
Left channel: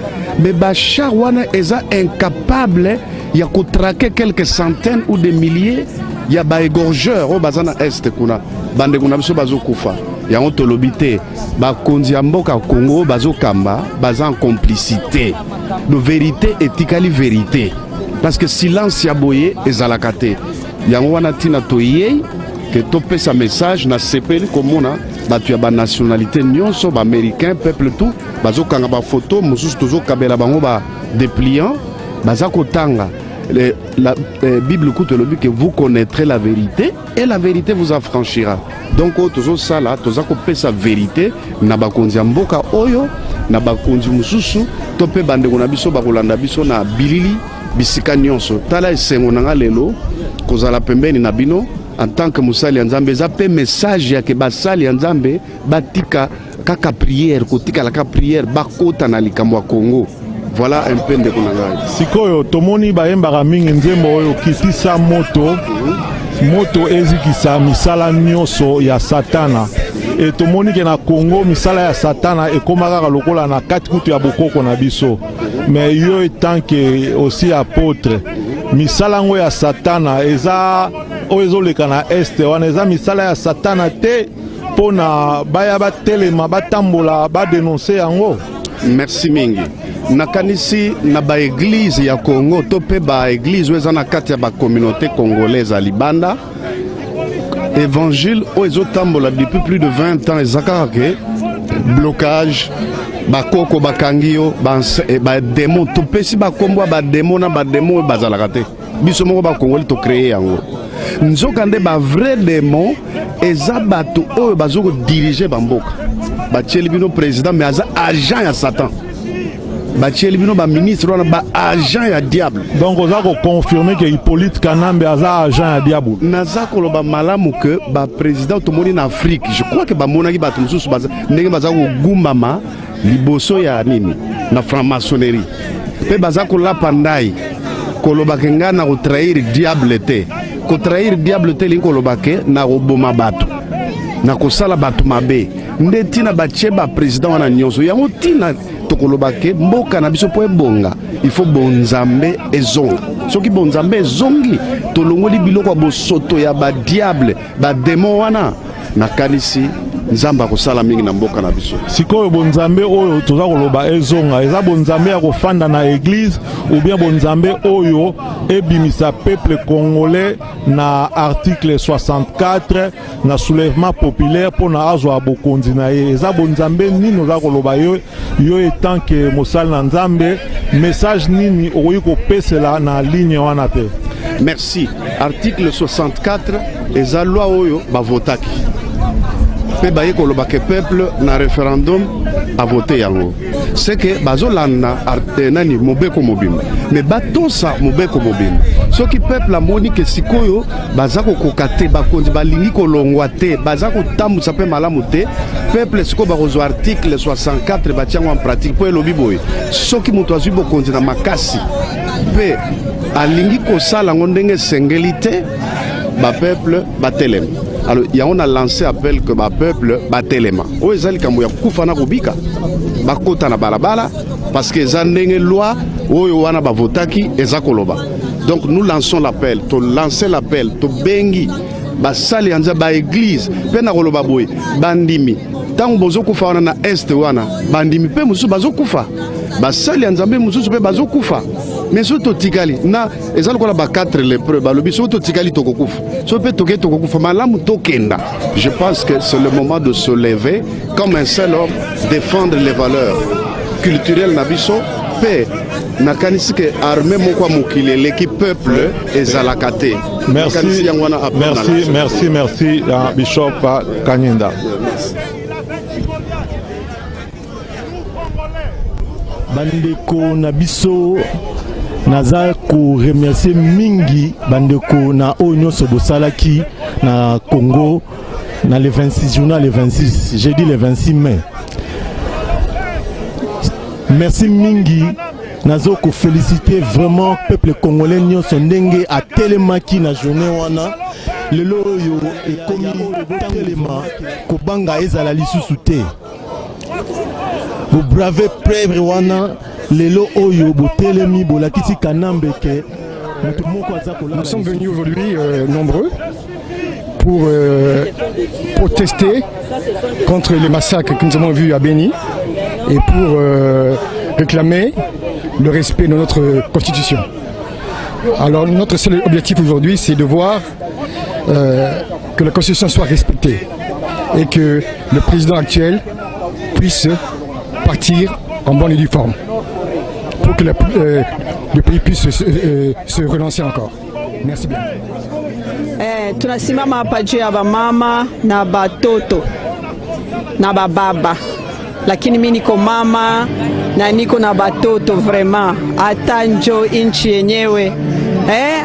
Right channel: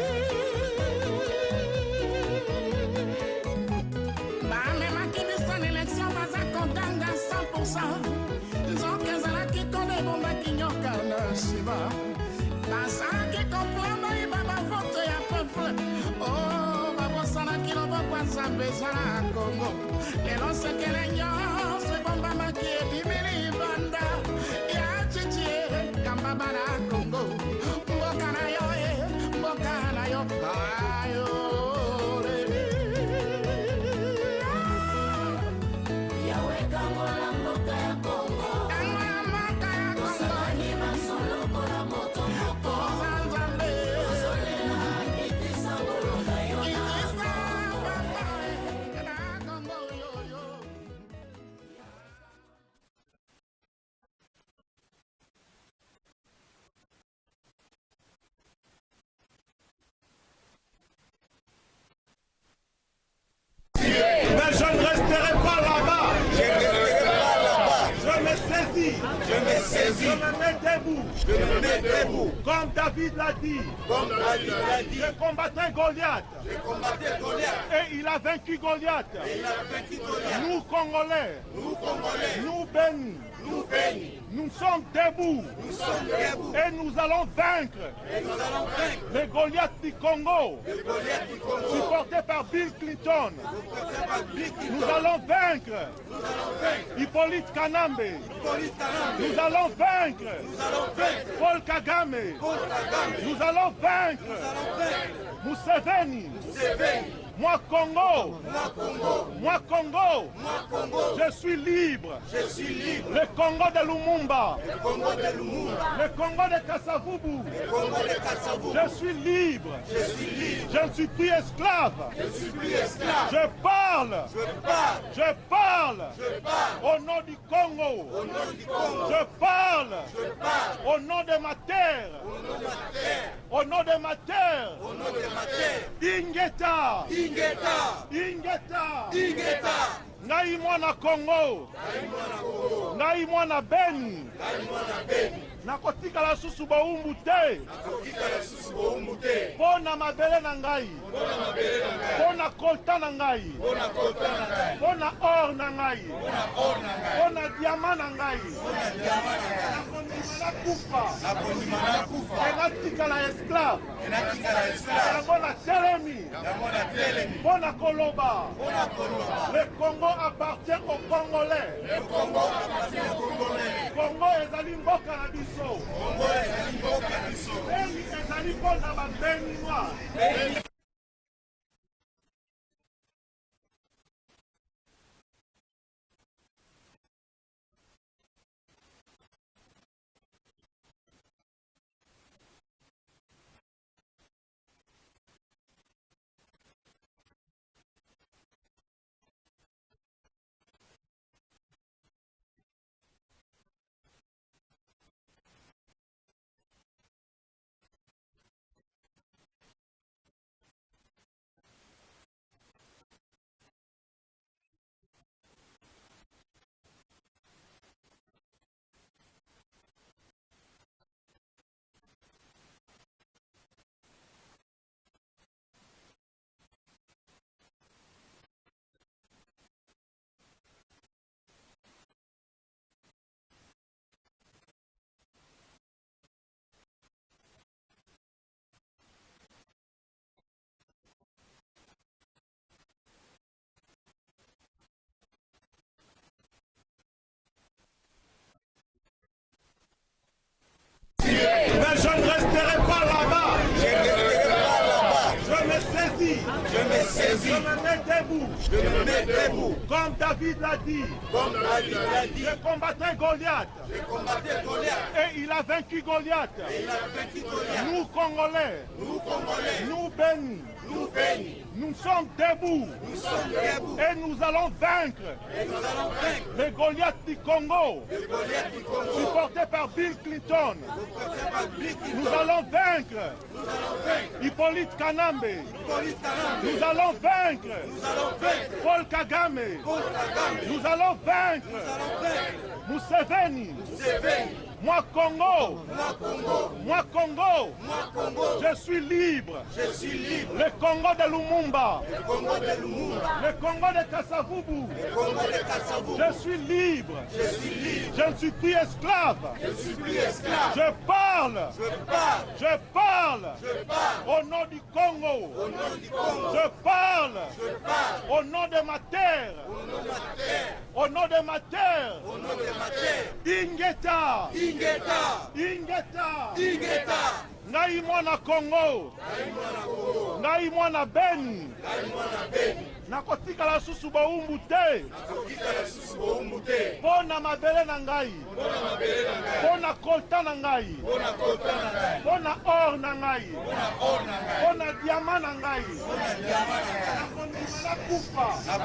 Mais bachar wana eza incapable ya kotrake quelques centaines ou des milliers ya baégorgeur oyo baza na este kuna bandeko na biso bazokufa. Yango tolobi te bakonzi ya mboka Congo bazokamba baza en complicité. De vérité etikali vérité. parce que silence ya boye ezalaka te yango wana ntina toyei ke topesa message na sepeli komona bato ya banationalité nyonso baaméricain peuple tout bazokanga bafoto mosusu tozokabela bango badépliant baza kotanga la Bible écoute le but que vous connaîtrez la vérité et la vérité vous affranchira. Donc tozo sala toza kopesa vérité na bakonzi ya mboka oyo na bakonzi mususu tope bandeko na biso bakolanda biso na bilili bisika nyonso tala esengo nanga lelo kozala pembeni na bino en tant que musali ya Nzambe eza pe message ya ke basali ya Nzambe batika kaka prière kotika la ka prière bakota na likambo ya Congo. Voilà un peu de konanga. Sikoyo tomoni bayembaka mingi nzembo oyo kisisa moto ezikisa misala nyonso ya satana et tomoni ke na Congo misala ya satana ekomaka lokola na kati kutu ya bokoko na biso mais yo etant que aussi apôtre misala ngo ya satana eza oyo ezoleka na este wana eza misala ya satana te pona baya batelema batambola badenonse yango. Merci mingi. Nakanisi na ba église ya Congo to pe ba église weza na kati ya ba communauté congolaise à Libanda. Évangile o ezotambola depuis plus de 20 ans ezaka ke blocage bakoko bakangio ba démon to pesi ba kombo ba démon na ba démon bazalaka te. Biso moko ba Congolais to créer yango. Nzokande ba vrai démon eza bato oyo bazoko diriger bamboka. Ba bino président mais aza agent ya Satan. Batieli bino ba ministre wana ba agent ya diable. Donc oza ko confirmer que Hippolyte Kanambe aza agent ya diable. Naza ko loba malamu que ba président tomoni na Afrique. Je crois que ba monaki ba tumususu baza ndenge baza ko gumbama liboso ya nini na franc-maçonnerie. Pe baza ko la pandai ko loba ke ngana ko trahir diable te. Ko trahir diable te li ko loba ke na ko boma bato. Na ko sala bato mabe. Ndetina ba cheba président wana nyonso yango tina tokolobake mboka na biso po ebonga il faut bonzambe ezonga soki bonzambe ezongi tolongoli biloko bosoto ya ba diable ba démon wana nakanisi Nzamba kosala mingi na mboka na biso. Sikoyo bonzambe oyo toza koloba ezonga eza bonzambe ya kofanda na église ou bien bonzambe oyo ebimisa peuple congolais na article 64 na soulèvement populaire pour na azwa bokonzi na ye eza bonzambe nini oza koloba yo etant que mosali na Nzambe message nini okoki kopesela na ligne wana te. Merci. Article 64 eza loi oyo bavotaki pe baye koloba ke peuple na référendum a voté yango c'est que bazolanda nani mobeko mobimba mais batosa mobeko mobimba soki peuple amoni ke sikoyo baza kokoka te bakonzi balingi kolongwa te baza kotambusa pe malamu te peuple sikoyo bakozwa article 64 batiango en pratique po elobi boye soki moto azwi bokonzi na makasi pe alingi kosala ngo ndenge esengeli te bapeuple batelema. Alors, il y a on a lancé appel que ma peuple batelema. O ezali kambo ya kufa na kubika. Bakota na balabala parce que zandenge loi oyo wana bavotaki ezakoloba. Donc nous lançons l'appel, to lancer l'appel, to bengi basali anza ba église pe na koloba boy bandimi. Tango bozo kufa wana na est wana bandimi pe musu bazo kufa. Basali Nzambe mususu pe bazo kufa. Mais surtout tikali na ezali kola ba 4 lépreux balobi surtout tikali tokokufa. So pe toke tokokufa malamu tokenda. Je pense que c'est le moment de se lever comme un seul homme défendre les valeurs culturelles na biso pe na kanisi ke armée moko mokile l'équipe peuple ezalaka te. Merci Bishop Kanyinda. Bandeko na biso naza ko remercier mingi bandeko na oyo nyonso bosalaki na Congo na le 26 journal le 26 j'ai dit le 26 mai. Merci mingi nazo ko féliciter vraiment peuple congolais nyonso ndenge atelemaki na journée wana lelo oyo ekomi botelema kobanga ezala lisusu te. Vous bravez preuve wana lelo oyo botelemi bolakisi Kanambe ke nous sommes venus aujourd'hui nombreux pour protester contre les massacres que nous avons vus à Beni et pour réclamer le respect de notre constitution. Alors notre seul objectif aujourd'hui, c'est de voir que la Constitution soit respectée et que le président actuel puisse partir en bonne et due forme pour que le pays puisse se relancer encore. Merci bien. Tunasimama hapa juu ya bamama na batoto na bababa, lakini mimi niko mama na niko na batoto. Vraiment hata njo inchi yenyewe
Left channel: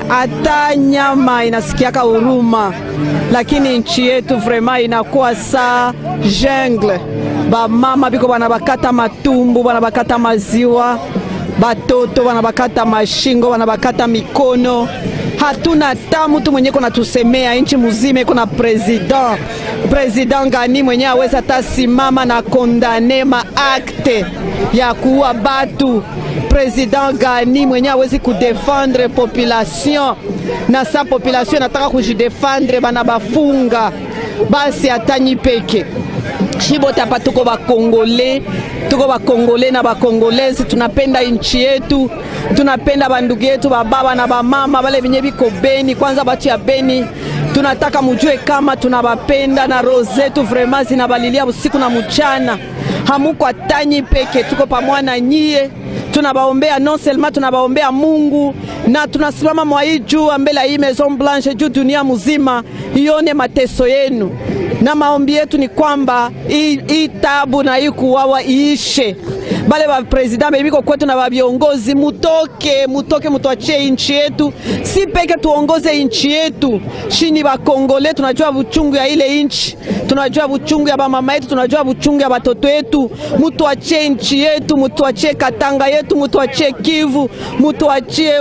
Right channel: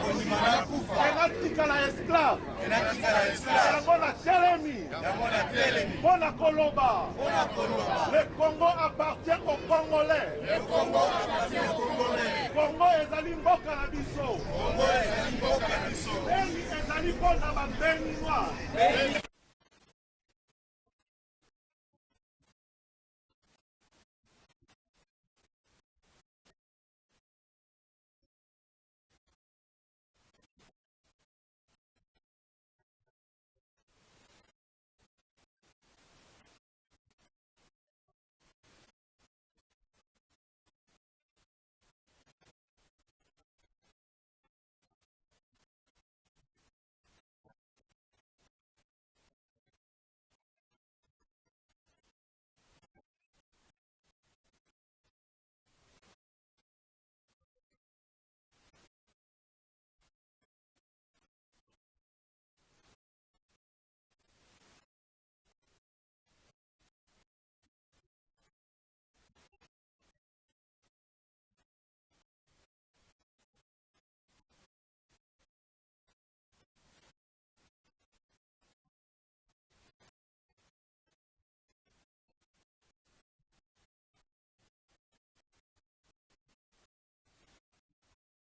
hata nyama inasikiaka huruma, lakini nchi yetu vraiment inakuwa sa jungle. Bamama biko bana bakata matumbu, bana bakata maziwa, batoto bana bakata mashingo, bana bakata mikono. Hatuna ta mtu mwenye kuna tusemea nchi muzime. Kuna president gani mwenye aweza tasimama na kondane maakte ya kuua batu? President gani mwenye awezi kudefendre population na sa population nataka kujidefendre bana bafunga? Basi atanyi peke shibote hapa tuko bakongole na bakongolezi, tunapenda nchi yetu, tunapenda bandugu yetu bababa na bamama bale benye biko Beni. Kwanza batu ya Beni tunataka mujue kama tunabapenda na roho zetu vraiment zinabalilia usiku na mchana. Hamuko atanyi peke, tuko pamoja na nyie. Tunabaombea non seulement tunabaombea Mungu, na tunasimama mwa hii juu mbele hii Maison Blanche juu dunia mzima ione mateso yenu, na maombi yetu ni kwamba hii tabu na hii kuwawa iishe. Bale ba president bebiko kwetu na ba viongozi mutoke mutuachie nchi yetu, si peke tuongoze nchi yetu. Shini ba Kongole tunajua buchungu ya ile nchi, tunajua buchungu ya ba mama yetu, tunajua buchungu ya batoto yetu. Mutuachie nchi yetu, mutuachie Katanga yetu, mutuachie Kivu, mutuachie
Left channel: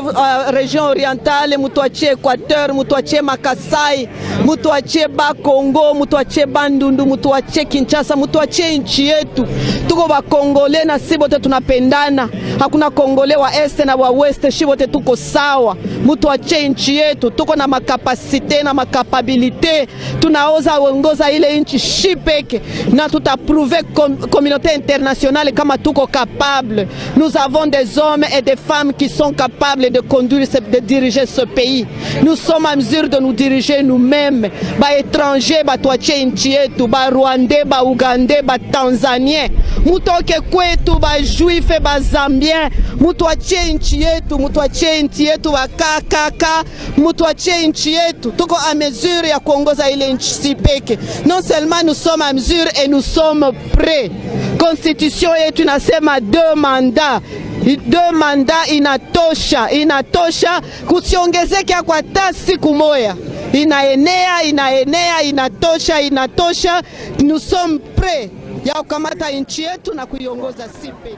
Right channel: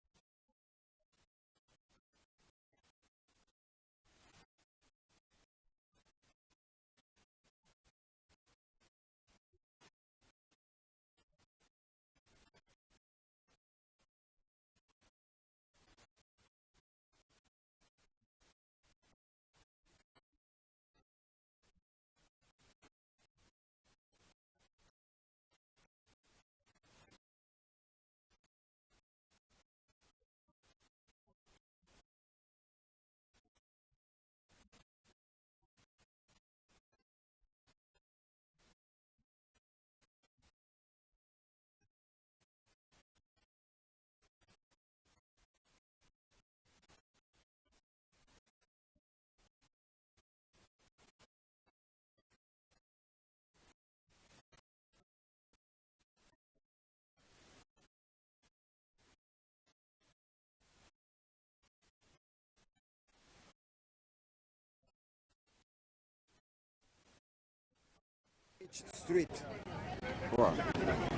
region orientale, mutuachie Equateur, mutuachie Makasai, mutuachie ba Kongo, mutuachie Bandundu, mutuachie Kinshasa, mutuachie nchi yetu. Tuko ba Kongole na sibote tunapendana, hakuna Kongole wa este na wa weste, shibote tuko sawa. Mutuachie nchi yetu, tuko na makapasite na makapabilite, tunaoza uongoza ile nchi shipeke, na tutaprouver communauté internationale kama tuko capable. Nous avons des hommes et des femmes qui sont capables de conduire, de diriger ce pays. Nous sommes à mesure de nous diriger nous-mêmes. Ba étrangers batuachie nchi yetu, ba Rwandais, ba Ougandais, ba Tanzaniens, mutoke kwetu, ba Juif, ba Zambien, mutuachie nchi yetu, mutuachie nchi yetu, ba kaka, mutuachie nchi yetu. Tuko à mesure ya kuongoza ile nchi sipeke. Non seulement nous sommes à mesure et nous sommes prêts. Constitution yetu inasema 2 mandats. 2 mandats inatosha, kusiongezeke kwa hata siku moja. Inaenea, inatosha. Nous sommes prêts ya kukamata nchi yetu na kuiongoza sipe.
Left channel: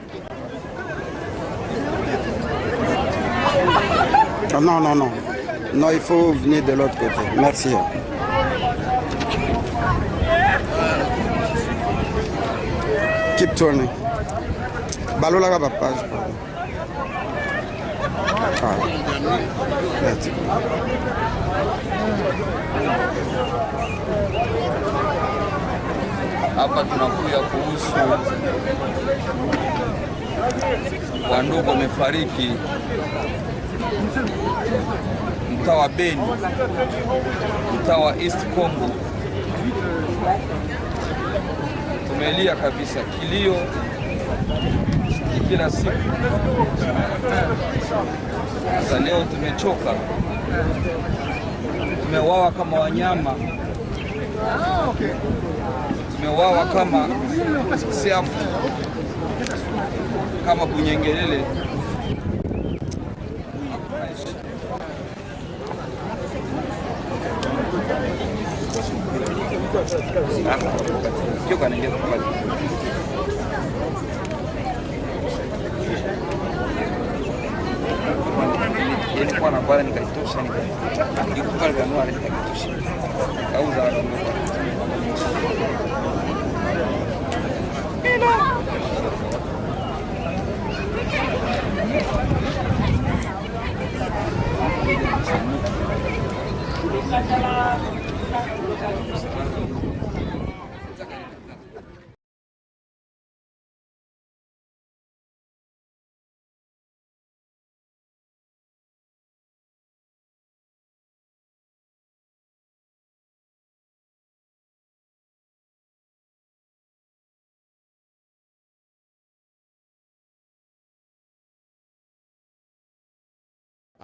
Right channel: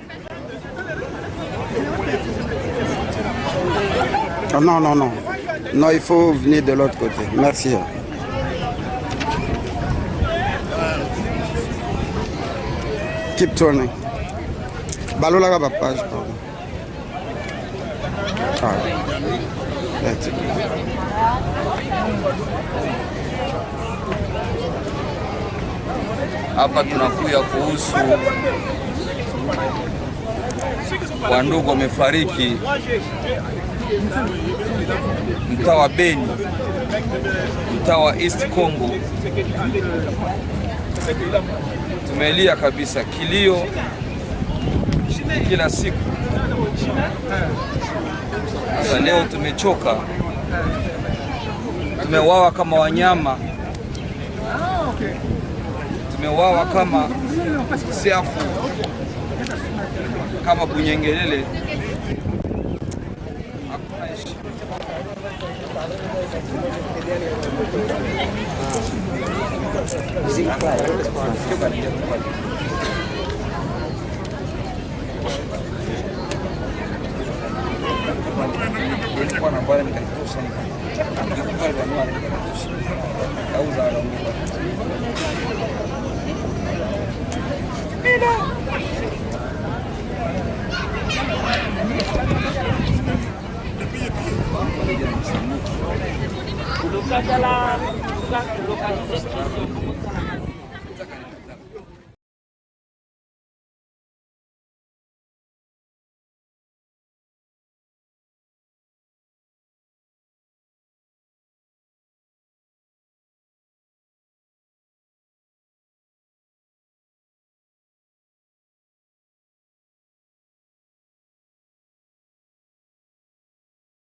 Non, il faut venir de l'autre côté. Merci. Keep turning. Balola ka page, pardon. That's it. Hapa tunakuya kuhusu wandugu wamefariki mtaa wa Beni, mtaa wa East Congo. Tumelia kabisa, kilio kila siku. Sasa leo tumechoka, tumewawa kama wanyama, tumewawa kama siafu, kama bunyengelele. Nilikuwa na bwana nikaitosha nikakubali kanua nikaitosha kauza anaondoka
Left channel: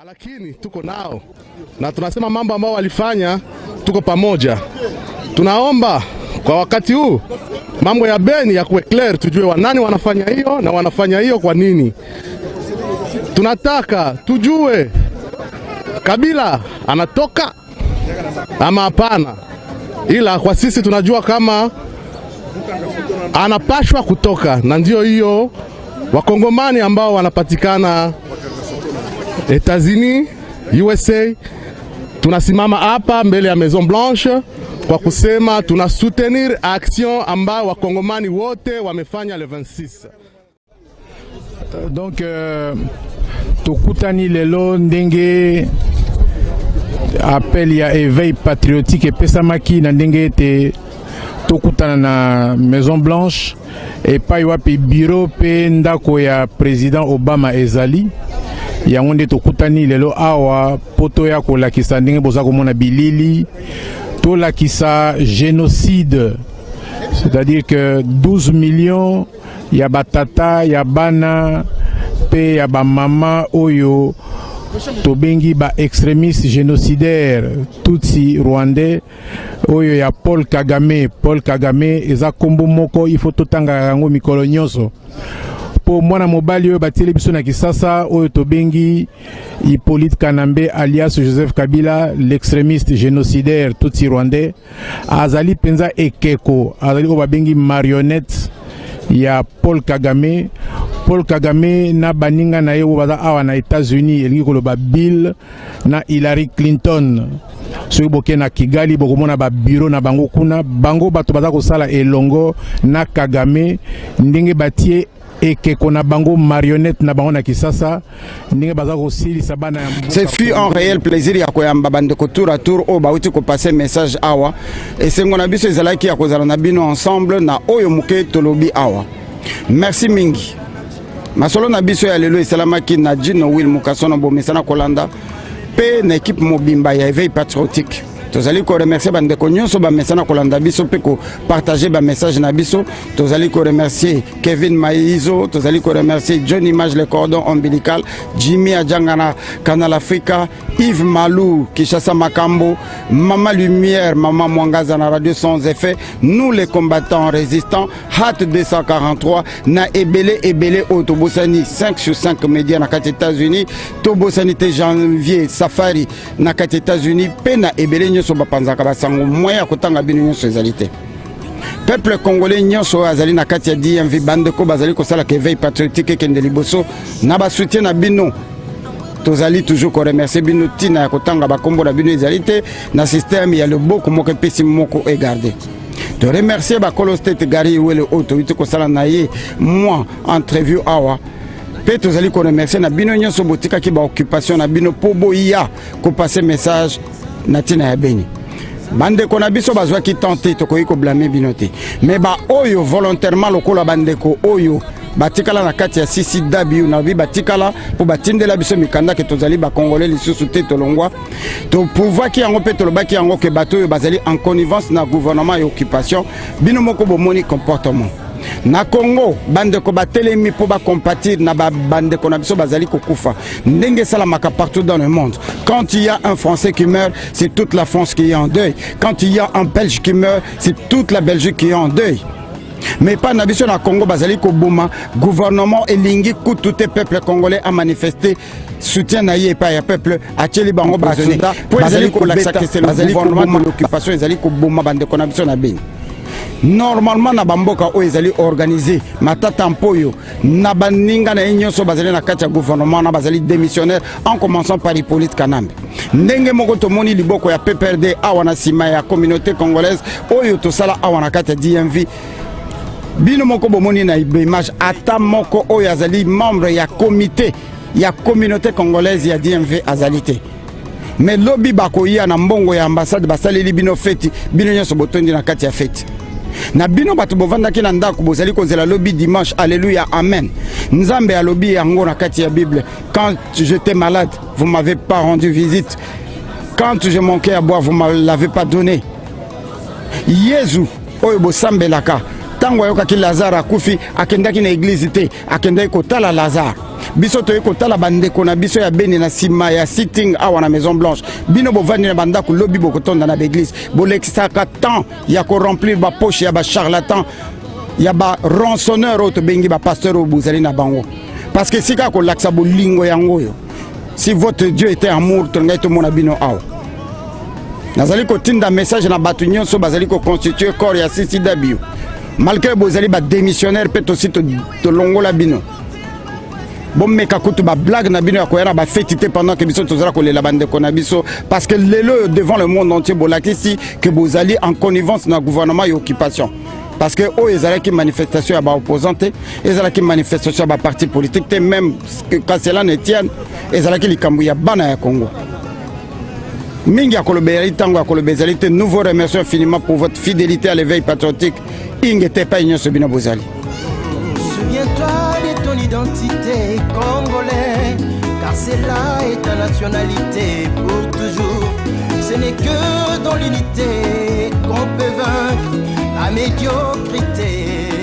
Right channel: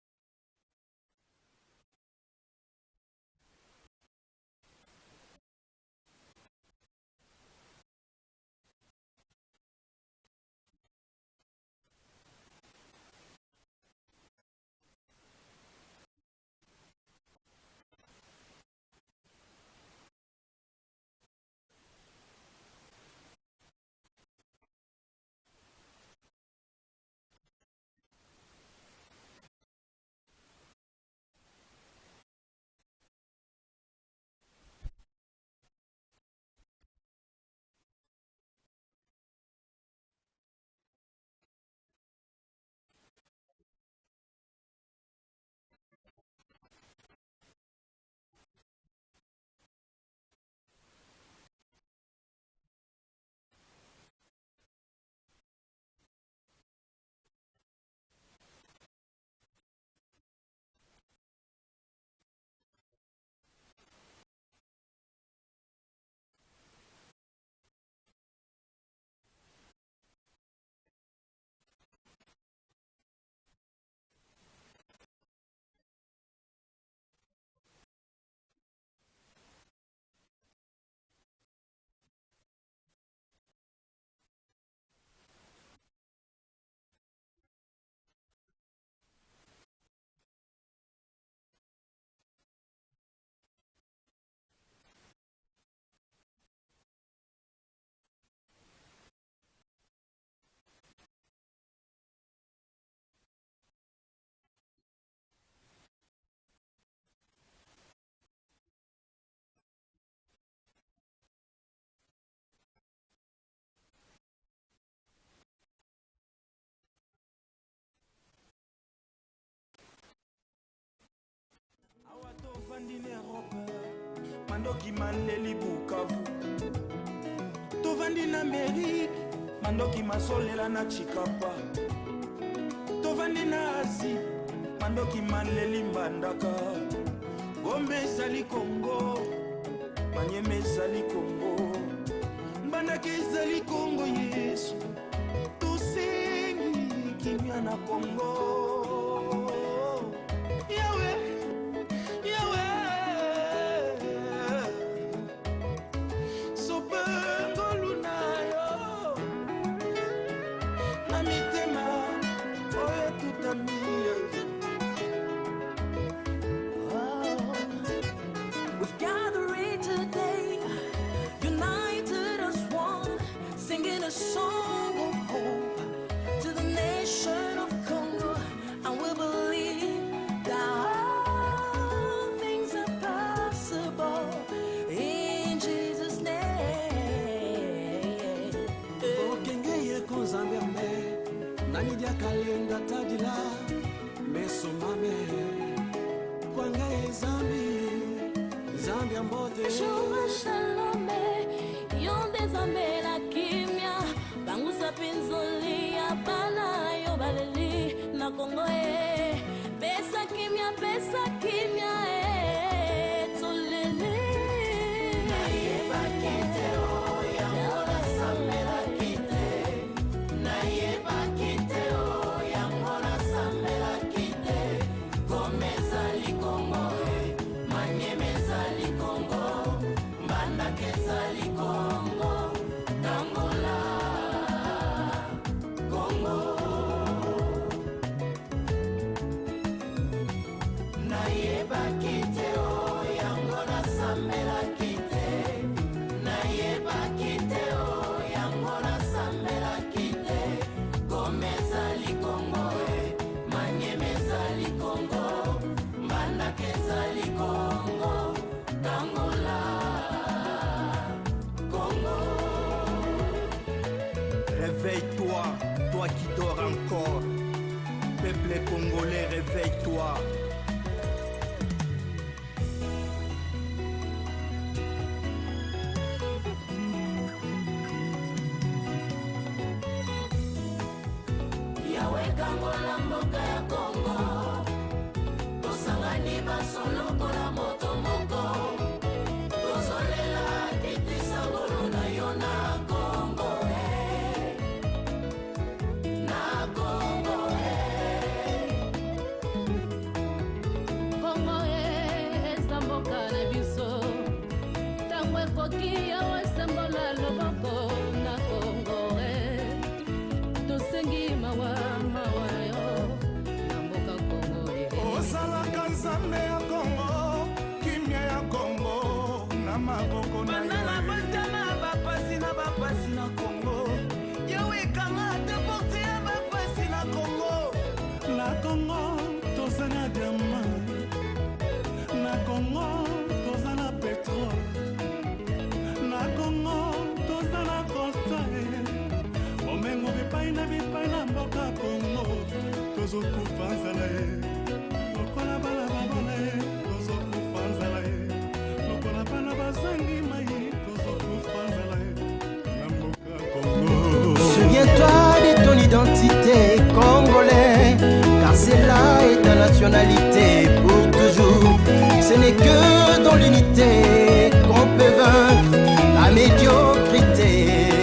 Lakini tuko nao na tunasema mambo ambayo walifanya, tuko pamoja. Tunaomba kwa wakati huu mambo ya Beni ya kuwe clear, tujue wanani wanafanya hiyo na wanafanya hiyo kwa nini. Tunataka tujue Kabila anatoka ama hapana, ila kwa sisi tunajua kama anapashwa kutoka, na ndio hiyo wakongomani ambao wanapatikana Etats-Unis, USA, tunasimama hapa mbele ya Maison Blanche kwa kusema tuna soutenir action ambao wakongomani wote wamefanya le 26. Donc tukutani lelo ndenge appel ya éveil patriotique epesamaki na ndenge ete tokutana na Maison Blanche epai wapi bureau pe ndako ya président Obama ezali yango nde tokutani lelo awa poto ya kolakisa ndenge boza komona bilili tolakisa génocide, c'est-à-dire que 12 millions ya batata ya bana pe ya ba mama oyo tobengi ba extrémistes génocidaires tutsi rwandais oyo ya Paul Kagame eza kombo moko il faut totanga yango mikolo nyonso po mwana mobali oyo batieli biso na Kisasa oyo tobengi Hippolyte Kanambe alias Joseph Kabila, l'extrémiste génocidaire tutsi rwandais, azali penza ekeko, azali ko babengi marionnette ya Paul Kagame na baninga na ye baza awa na États-Unis elingi koloba Bill na Hillary Clinton. Soki boke na Kigali bokomona ba bureau na bango kuna, bango bato baza kosala elongo na Kagame ndenge batie ekeko na bango marionnette na bango na Kisasa ndenge baza kosilisa bana ya mboka. Ce fut un réel plaisir ya koyamba bandeko tour à tour o bauti ko passer message awa et sengo na biso ezalaki ya kozala na bino ensemble na oyo muke tolobi awa. Merci mingi. Masolo na biso ya lelo esalamaki na Jino Will Mukasono bomesana kolanda pe na équipe mobimba ya éveil patriotique. Tozali ko remercier bandeko nyonso ba mesana kolanda biso pe ko partager ba message na biso. Tozali ko remercier Kevin Maizo, tozali ko remercier John Image le cordon ombilical, Jimmy Adjangana Canal Africa, Yves Malou Kishasa Makambo, Mama Lumière, Mama Mwangaza na radio sans effet, nous les combattants résistants, Hat 243 na ebele Otobosani 5/5 médias na kat États-Unis, Tobosani janvier Safari na kat États-Unis, pe na ebele soba panzaka basango moya kotanga bino nyonso ezali te. Peuple congolais nyonso azali na kati ya DMV bandeko bazali kosala ke veille patriotique kende liboso na ba soutien na bino. Tozali toujours ko remercier bino tina ya kotanga bakombo na bino ezali te na système ya le boko moko pesi moko e garder. To remercier ba Kolo State Gary Wele autorité kosala na ye moi entrevue awa. Pe tozali ko remercier na bino nyonso botika ki ba occupation na bino po boya ko passer message natina ya Beni. Bandeko na biso bazwa ki tenter to ko blâmer binote. Mais ba oyo volontairement lokola bandeko oyo batikala na kati ya CCW na bi batikala po batindela biso mikanda ke tozali ba congolais lisusu te tolongwa. To pouvoir ki yango pe tolobaki yango ke bato oyo bazali en connivence na gouvernement et occupation bino moko bomoni comportement. Na Congo bandeko batelemi po ba compatir na bandeko na biso bazali kokufa ndenge salamaka partout dans le monde. Quand il y a un Français qui meurt, c'est toute la France qui est en deuil. Quand il y a un Belge qui meurt, c'est toute la Belgique qui est en deuil. Mais pas na biso na Congo bazali ko boma gouvernement elingi kututé peuple congolais a manifesté soutien na ye pa ya peuple a tcheli bango bazonda bazali ko laksa que c'est le gouvernement de l'occupation ezali ko boma bandeko na biso na Beni. Normalement na bamboka o ezali organisé matata mpoyo na baninga na nyonso bazali na kati ya gouvernement na bazali démissionnaire en commençant par Hippolyte Kanambe ndenge moko tomoni liboko ya PPRD awa na sima ya communauté congolaise oyo tosala awa na kati ya DMV bino moko bomoni na image ata moko oyo azali membre ya comité ya communauté congolaise ya DMV azalité. Mais lobby bakoya na mbongo ya ambassade basaleli bino feti bino nyonso botondi na kati ya feti. Na bino bato bovandaki na ndako bozali kozela lobby dimanche, alléluia, amen. Nzambe a lobby yango na kati ya Bible. Quand j'étais malade, vous m'avez pas rendu visite. Quand je manquais à boire, vous ne me l'avez pas donné. Yesu oyo bosambelaka ntango ayokaki Lazare akufi akendaki na église te akendaki kotala Lazare biso toye kotala bandeko na biso ya Beni na sima ya sitting awa na Maison Blanche bino bovandi na bandako lobi bokotonda na l'église bolekisaka temps ya koremplir bapoche ya bacharlatan ya barançonneur oyo tobengi bapasteur oyo bozali na bango parce que sika kolakisa bolingo yango oyo si votre Dieu était amour tongai tomona bino awa nazali kotinda message na bato nyonso bazali koconstitue corps ya CCW malgré bozali badémissionnaire mpe tosi tolongola bino bomeka kutu bablague na bino ya koya na bafeti te pendant que biso tozala kolela bandeko na biso parce que lelo devant le monde entier bolakisi que bozali en connivence na gouvernement ya occupation parce que oyo ezalaki manifestation ya baopposant te ezalaki manifestation ya baparti politique te même quand cela ne tienne ezalaki likambo ya bana ya Congo mingi ya kolobeli ntango ya kolobeli ezali te. Nous vous remercions infiniment pour votre fidélité à l'éveil patriotique ingete pa nyonso bino bozali. Souviens-toi de ton identité congolais, car celle-là est ta nationalité pour toujours. Ce n'est que dans l'unité qu'on peut vaincre la médiocrité.